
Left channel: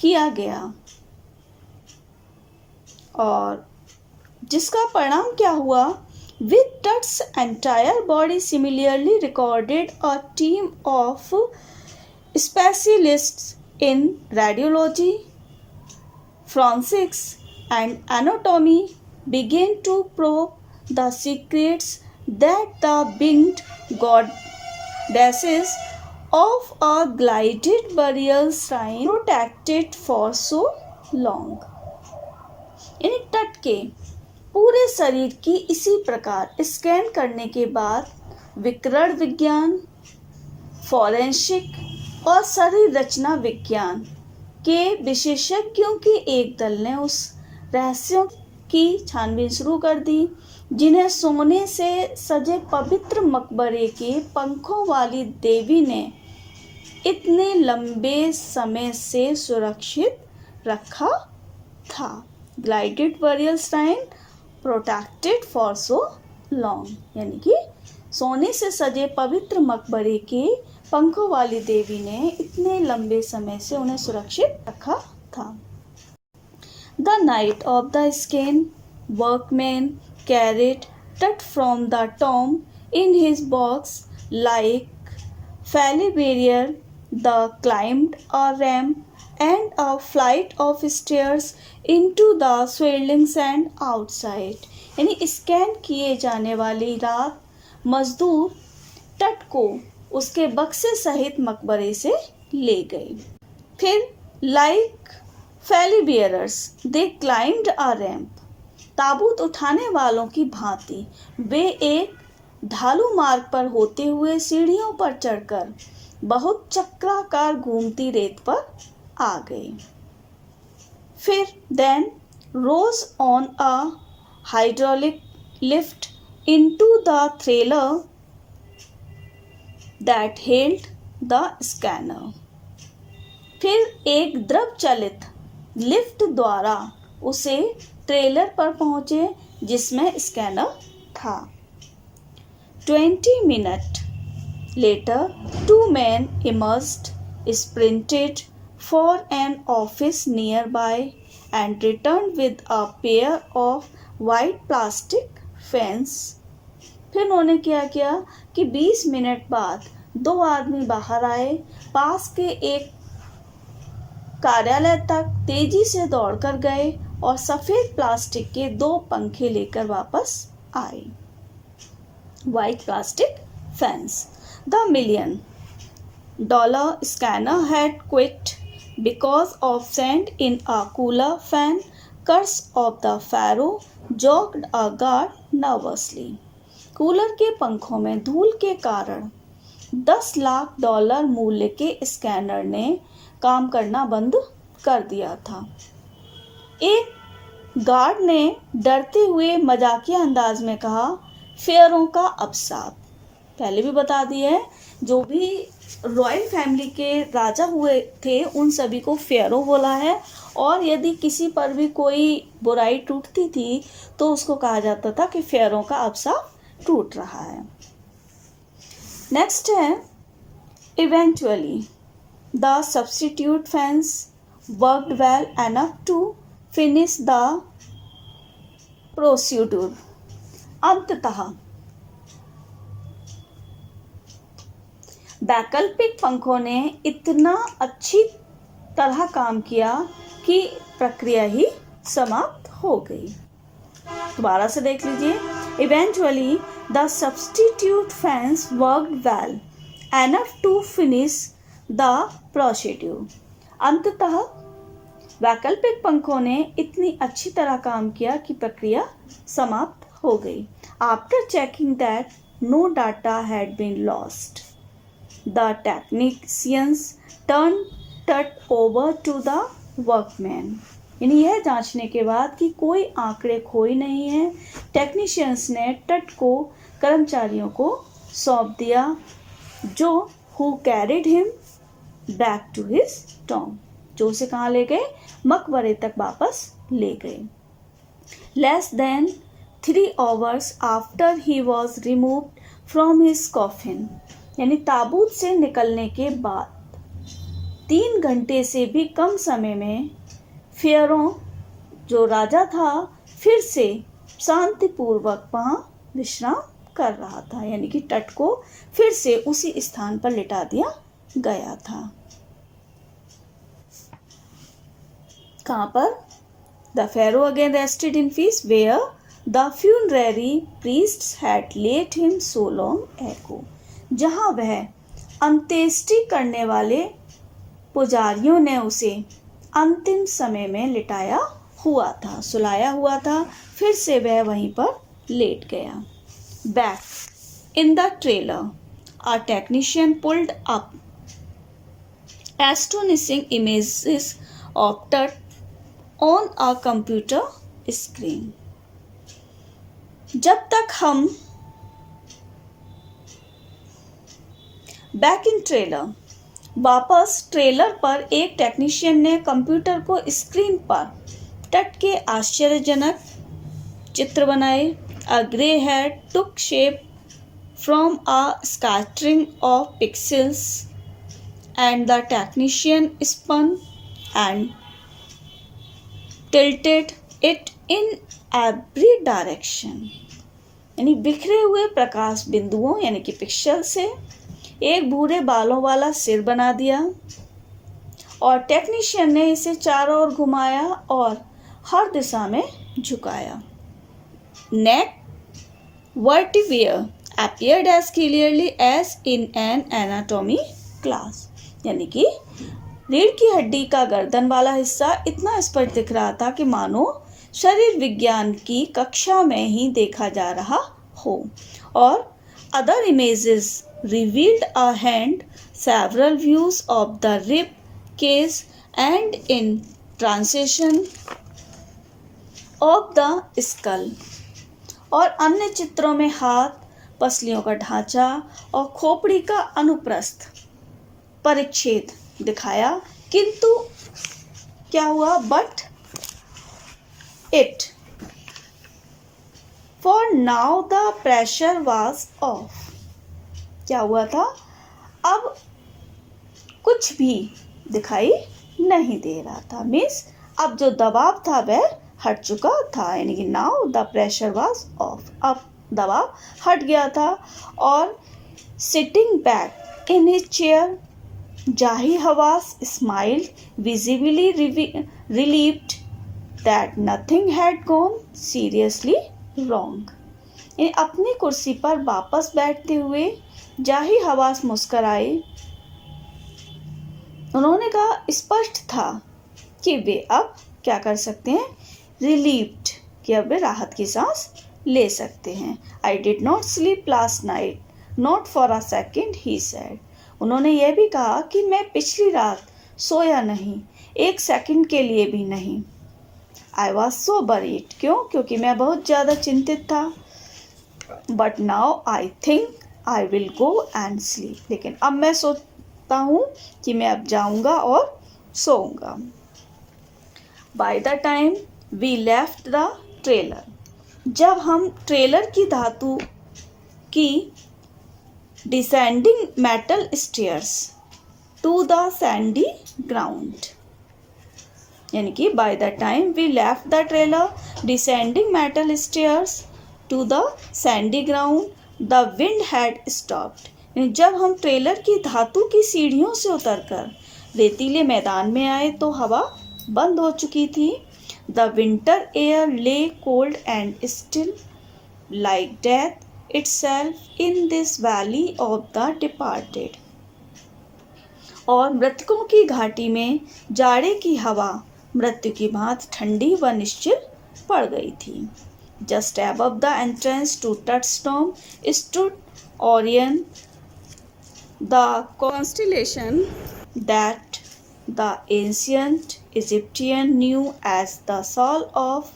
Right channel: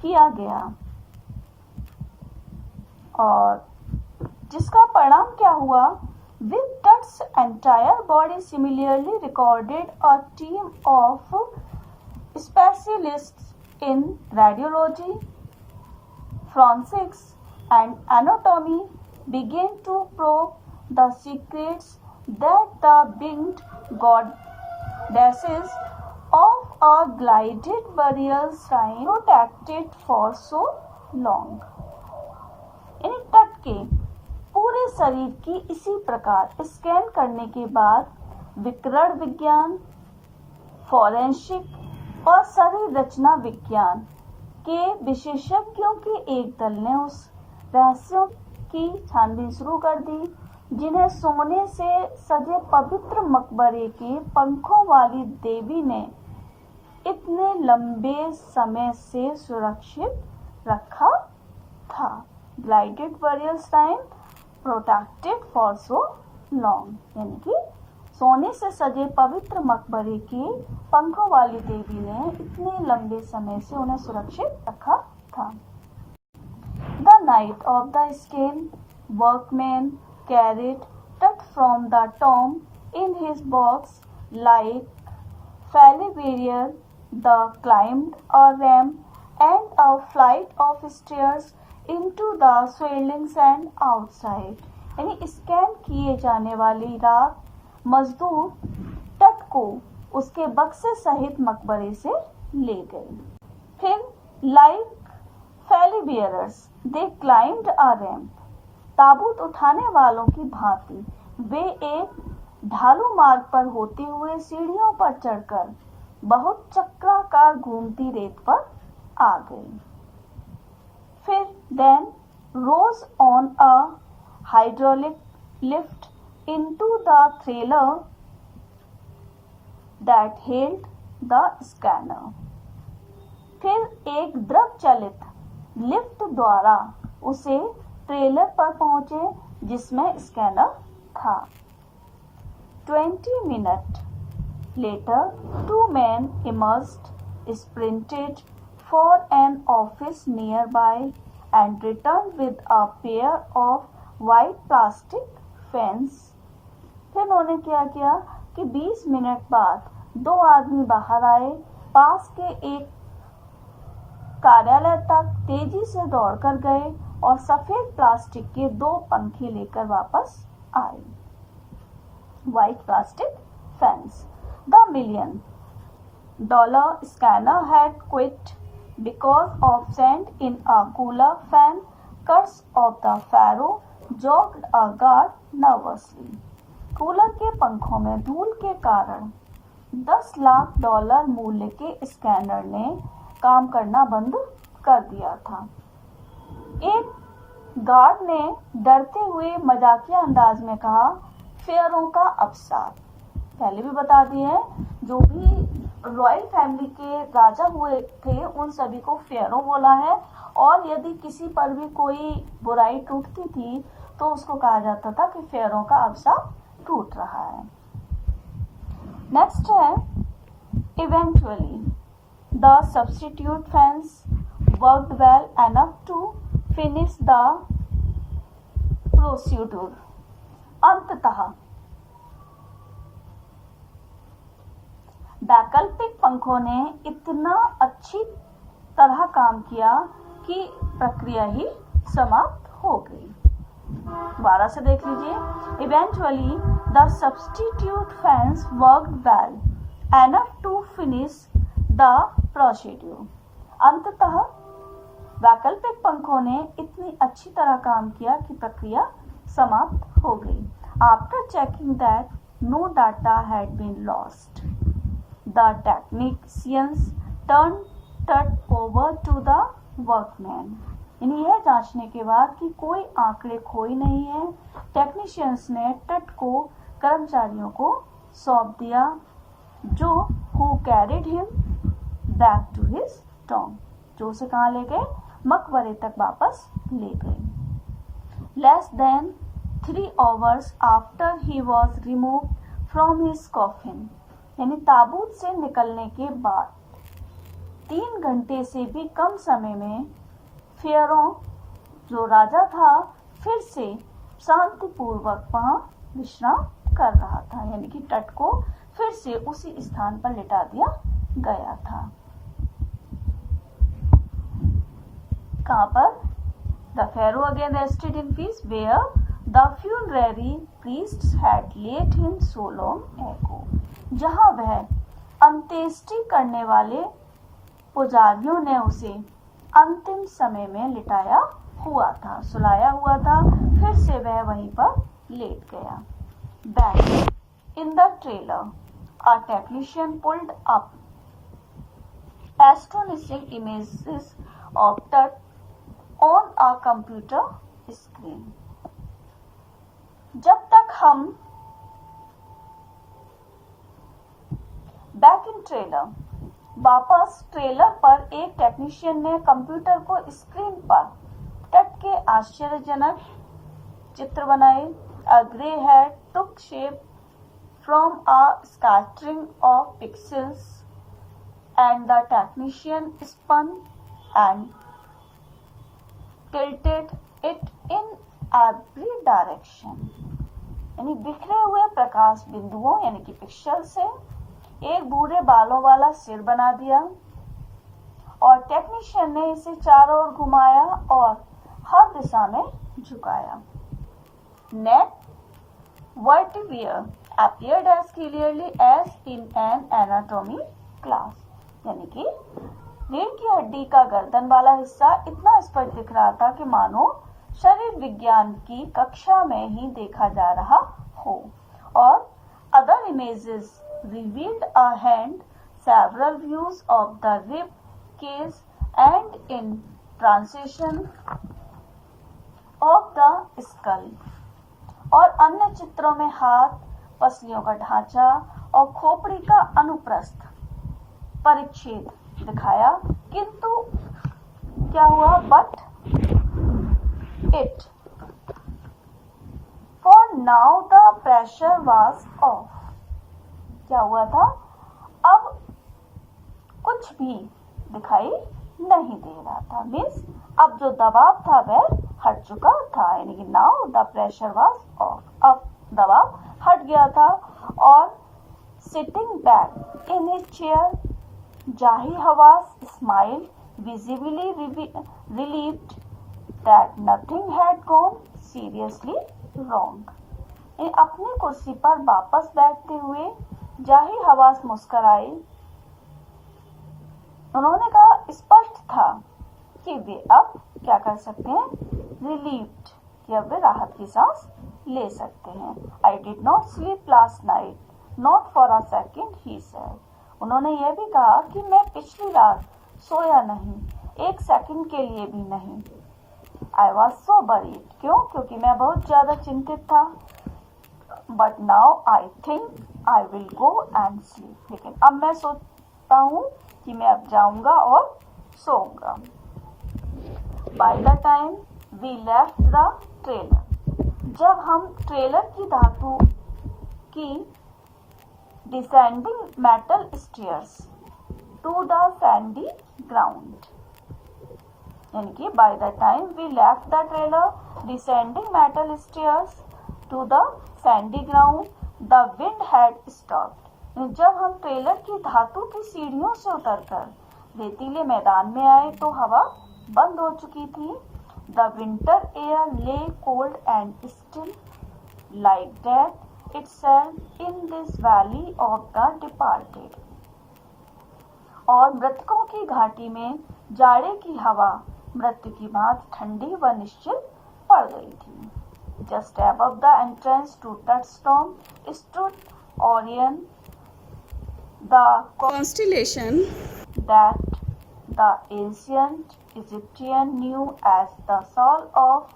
किया गया और जिसका परिणाम क्या हुआ। With Tutt's entire body similarly recorded, a team of specialists in radiology, forensics and anatomy began to probe the secrets that the winged goddesses of a glided burial shrine protected for so long। यानी तट के पूरे शरीर की इसी प्रकार स्कैन करने के बाद विकिरण विज्ञान, फॉरेंसिक और शरीर रचना विज्ञान के विशेषज्ञों के एक दल ने उस रहस्यों की छानबीन शुरू कर दी जिन्हें सोने से सजे पवित्र मकबरे के पंखों वाली देवी ने इतने लंबे समय से सुरक्षित रखा था। Glided burial shrine protected for so long, यानी कि सोने से सजे पवित्र मकबरे के पंखों वाली देवी ने इतने लंबे समय से उन्हें सुरक्षित रखा था। The night of the scan, workman carried Tutt from the tomb in his box like Falibarrier. The climbed a ramp and a flight of stairs into the swirling sand outside। यानी स्कैन किए जाने वाली रात मजदूर टट को उसके बक्से सहित मकबरे से ले गए। फिर लाइक फैली बियरर्स दे क्लाइम्ड अ रैम्प, ताबूत उठाने वालों की भांति वे एक ढालू मार्ग पर होते हुए सीढ़ियों पर चढ़कर बहुत चक्राकार घूमती रेत पर आ गए। फिर then rose on a hydraulic lift into the trailer that held the scanner. फिर एक द्रव चलित लिफ्ट द्वारा उसे ट्रेलर पर पहुंचे जिसमें स्कैनर था। 20 minutes later, 2 men emerged, sprinted for an office nearby, and returned with a pair of white plastic fans। फिर उन्होंने क्या किया कि 20 मिनट बाद 2 आदमी बाहर आए, पास के एक कार्यालय तक तेजी से दौड़कर गए और सफेद प्लास्टिक के 2 पंखे लेकर वापस आए। White plastic fans। The $1 million scanner had quit because of sand in a cooler fan। Curse of the Pharaoh jogged a guard nervously। Cooler के पंखों में धूल के कारण $10 लाख मूल्य के स्कैनर ने काम करना बंद कर दिया था। एक गार्ड ने डरते हुए मजाकिया अंदाज में कहा, फेयरों का अभिशाप। पहले भी बता दिया है, जो भी रॉयल फैमिली के राजा हुए थे उन सभी को फेयरों बोला है और यदि किसी पर भी कोई बुराई टूटती थी तो उसको कहा जाता था कि फेयरों का अभिशाप टूट रहा है। नेक्स्ट है eventually the substitute fans worked well enough to finish the procedure. अंततः वैकल्पिक पंखों ने इतना अच्छी तरह काम किया कि प्रक्रिया ही समाप्त हो गई। दोबारा से देख लीजिए। Eventually, the substitute fans worked well enough to finish the procedure. अंततः वैकल्पिक पंखों ने इतनी अच्छी तरह काम किया कि प्रक्रिया समाप्त हो गई। After checking that no data had been lost, the technicians turned it over to the workmen. यानी यह जांचने के बाद कि कोई आंकड़े खोए नहीं हैं, टेक्नीशियंस ने तट को कर्मचारियों को सौंप दिया, जो who carried him back to his tomb, जो उसे कहाँ ले गए? मकबरे तक वापस ले गए। Less than 3 hours after he was removed from his coffin, यानी ताबूत से निकलने के बाद 3 घंटे से भी कम समय में फेयरों जो राजा था फिर से शांतिपूर्वक वहाँ विश्राम कर रहा था, यानी कि तट को फिर से उसी स्थान पर लिटा दिया गया था। कहाँ पर? The pharaoh again rested in peace where the funerary priests had laid him so long ago. जहाँ वह अंत्येष्टि करने वाले पुजारियों ने उसे अंतिम समय में लिटाया हुआ था, सुलाया हुआ था, फिर से वह वहीं पर लेट गया। Back in the trailer, a technician pulled up astonishing images of Tut on a computer screen. जब तक हम बैक इन ट्रेलर, वापस ट्रेलर पर एक टेक्नीशियन ने कंप्यूटर को स्क्रीन पर तट के आश्चर्यजनक चित्र बनाए। A grey head took shape from a scattering of pixels and the technician spun and tilted it in every direction, यानी बिखरे हुए प्रकाश बिंदुओं यानी कि पिक्सल से एक भूरे बालों वाला सिर बना दिया और टेक्नीशियन ने इसे चारों ओर घुमाया और हर दिशा में झुकाया। नेक vertebra appeared as clearly as in an anatomy class, यानी कि रीढ़ की हड्डी का गर्दन वाला हिस्सा इतना स्पष्ट दिख रहा था कि मानो शरीर विज्ञान की कक्षा में ही देखा जा रहा हो। और other images revealed a hand, several views of the rib cage and in transition of the skull, और अन्य चित्रों में हाथ, पसलियों का ढांचा और खोपड़ी का अनुप्रस्थ परिच्छेद दिखाया, किंतु क्या हुआ? But it for now the pressure was of. क्या हुआ था? अब कुछ भी दिखाई नहीं दे रहा था, मीन्स अब जो दबाव था वह हट चुका था, यानी कि now the pressure was off, अब दबाव हट गया था। और sitting back in his chair Zahi Hawass smile visibly relieved that nothing had gone seriously wrong. अपनी कुर्सी पर वापस बैठते हुए जाही हवास मुस्कराए। उन्होंने कहा स्पष्ट था कि वे अब क्या कर सकते हैं? रिलीव्ड, कि अब वे राहत की सांस ले सकते हैं। I did not sleep last night not for a second he said. उन्होंने यह भी कहा कि मैं पिछली रात सोया नहीं, एक सेकंड के लिए भी नहीं। आई वॉज सो वरीड, क्यों? क्योंकि मैं बहुत ज़्यादा चिंतित था। But now I think I will go and sleep, लेकिन अब मैं सोचता हूँ कि मैं अब जाऊँगा और सोऊंगा। By the time we left the trailer, जब हम ट्रेलर की धातु की descending metal stairs to the sandy ground, यानी कि by the time we left the trailer descending metal stairs to the sandy ground the wind had stopped. जब हम ट्रेलर की धातु की सीढ़ियों से उतरकर रेतीले मैदान में आए तो हवा बंद हो चुकी थी। द विंटर एयर ले cold and still like death itself in this valley of the departed. और मृतकों की घाटी में जाड़े की हवा मृत्यु की भांति ठंडी व निश्चल पड़ गई थी। Just above the entrance to Touchstone stood Orion, the constellation that the ancient Egyptian knew as the soul of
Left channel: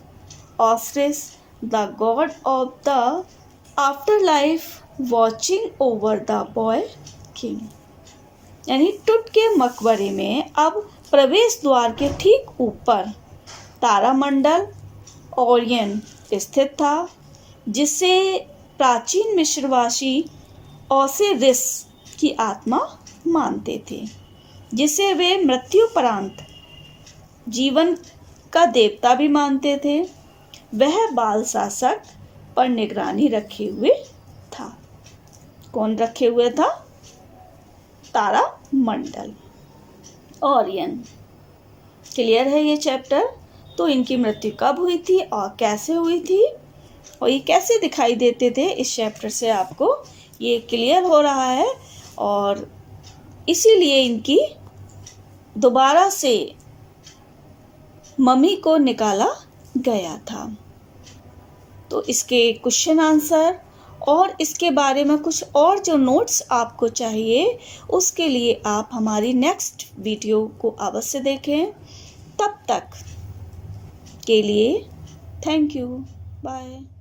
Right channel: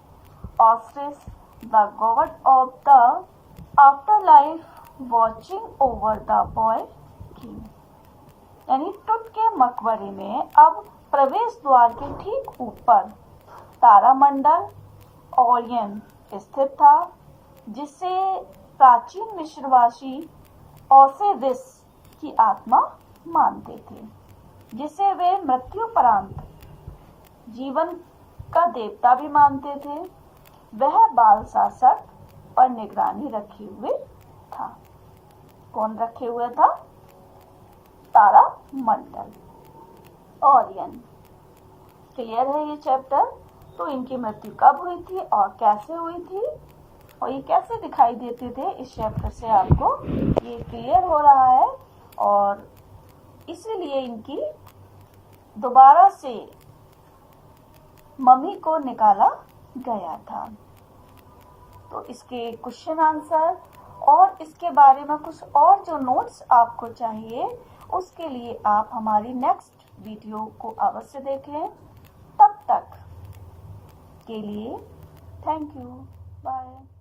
Osiris, the god of the afterlife, watching over the boy king। यानी टुट के मकबरे में अब प्रवेश द्वार के ठीक ऊपर तारामंडल ओरियन स्थित था, जिसे प्राचीन मिस्रवासी ओसिरिस की आत्मा मानते थे, जिसे वे मृत्युपरांत जीवन का देवता भी मानते थे। वह बाल शासक पर निगरानी रखे हुए था। कौन रखे हुए था? तारामंडल, ओरियन। क्लियर है ये चैप्टर? तो इनकी मृत्यु कब हुई थी और कैसे हुई थी और ये कैसे दिखाई देते थे, इस चैप्टर से आपको ये क्लियर हो रहा है। और इसीलिए इनकी दोबारा से मम्मी को निकाला गया था। तो इसके क्वेश्चन आंसर और इसके बारे में कुछ और जो नोट्स आपको चाहिए, उसके लिए आप हमारी नेक्स्ट वीडियो को अवश्य देखें। तब तक के लिए थैंक यू, बाय।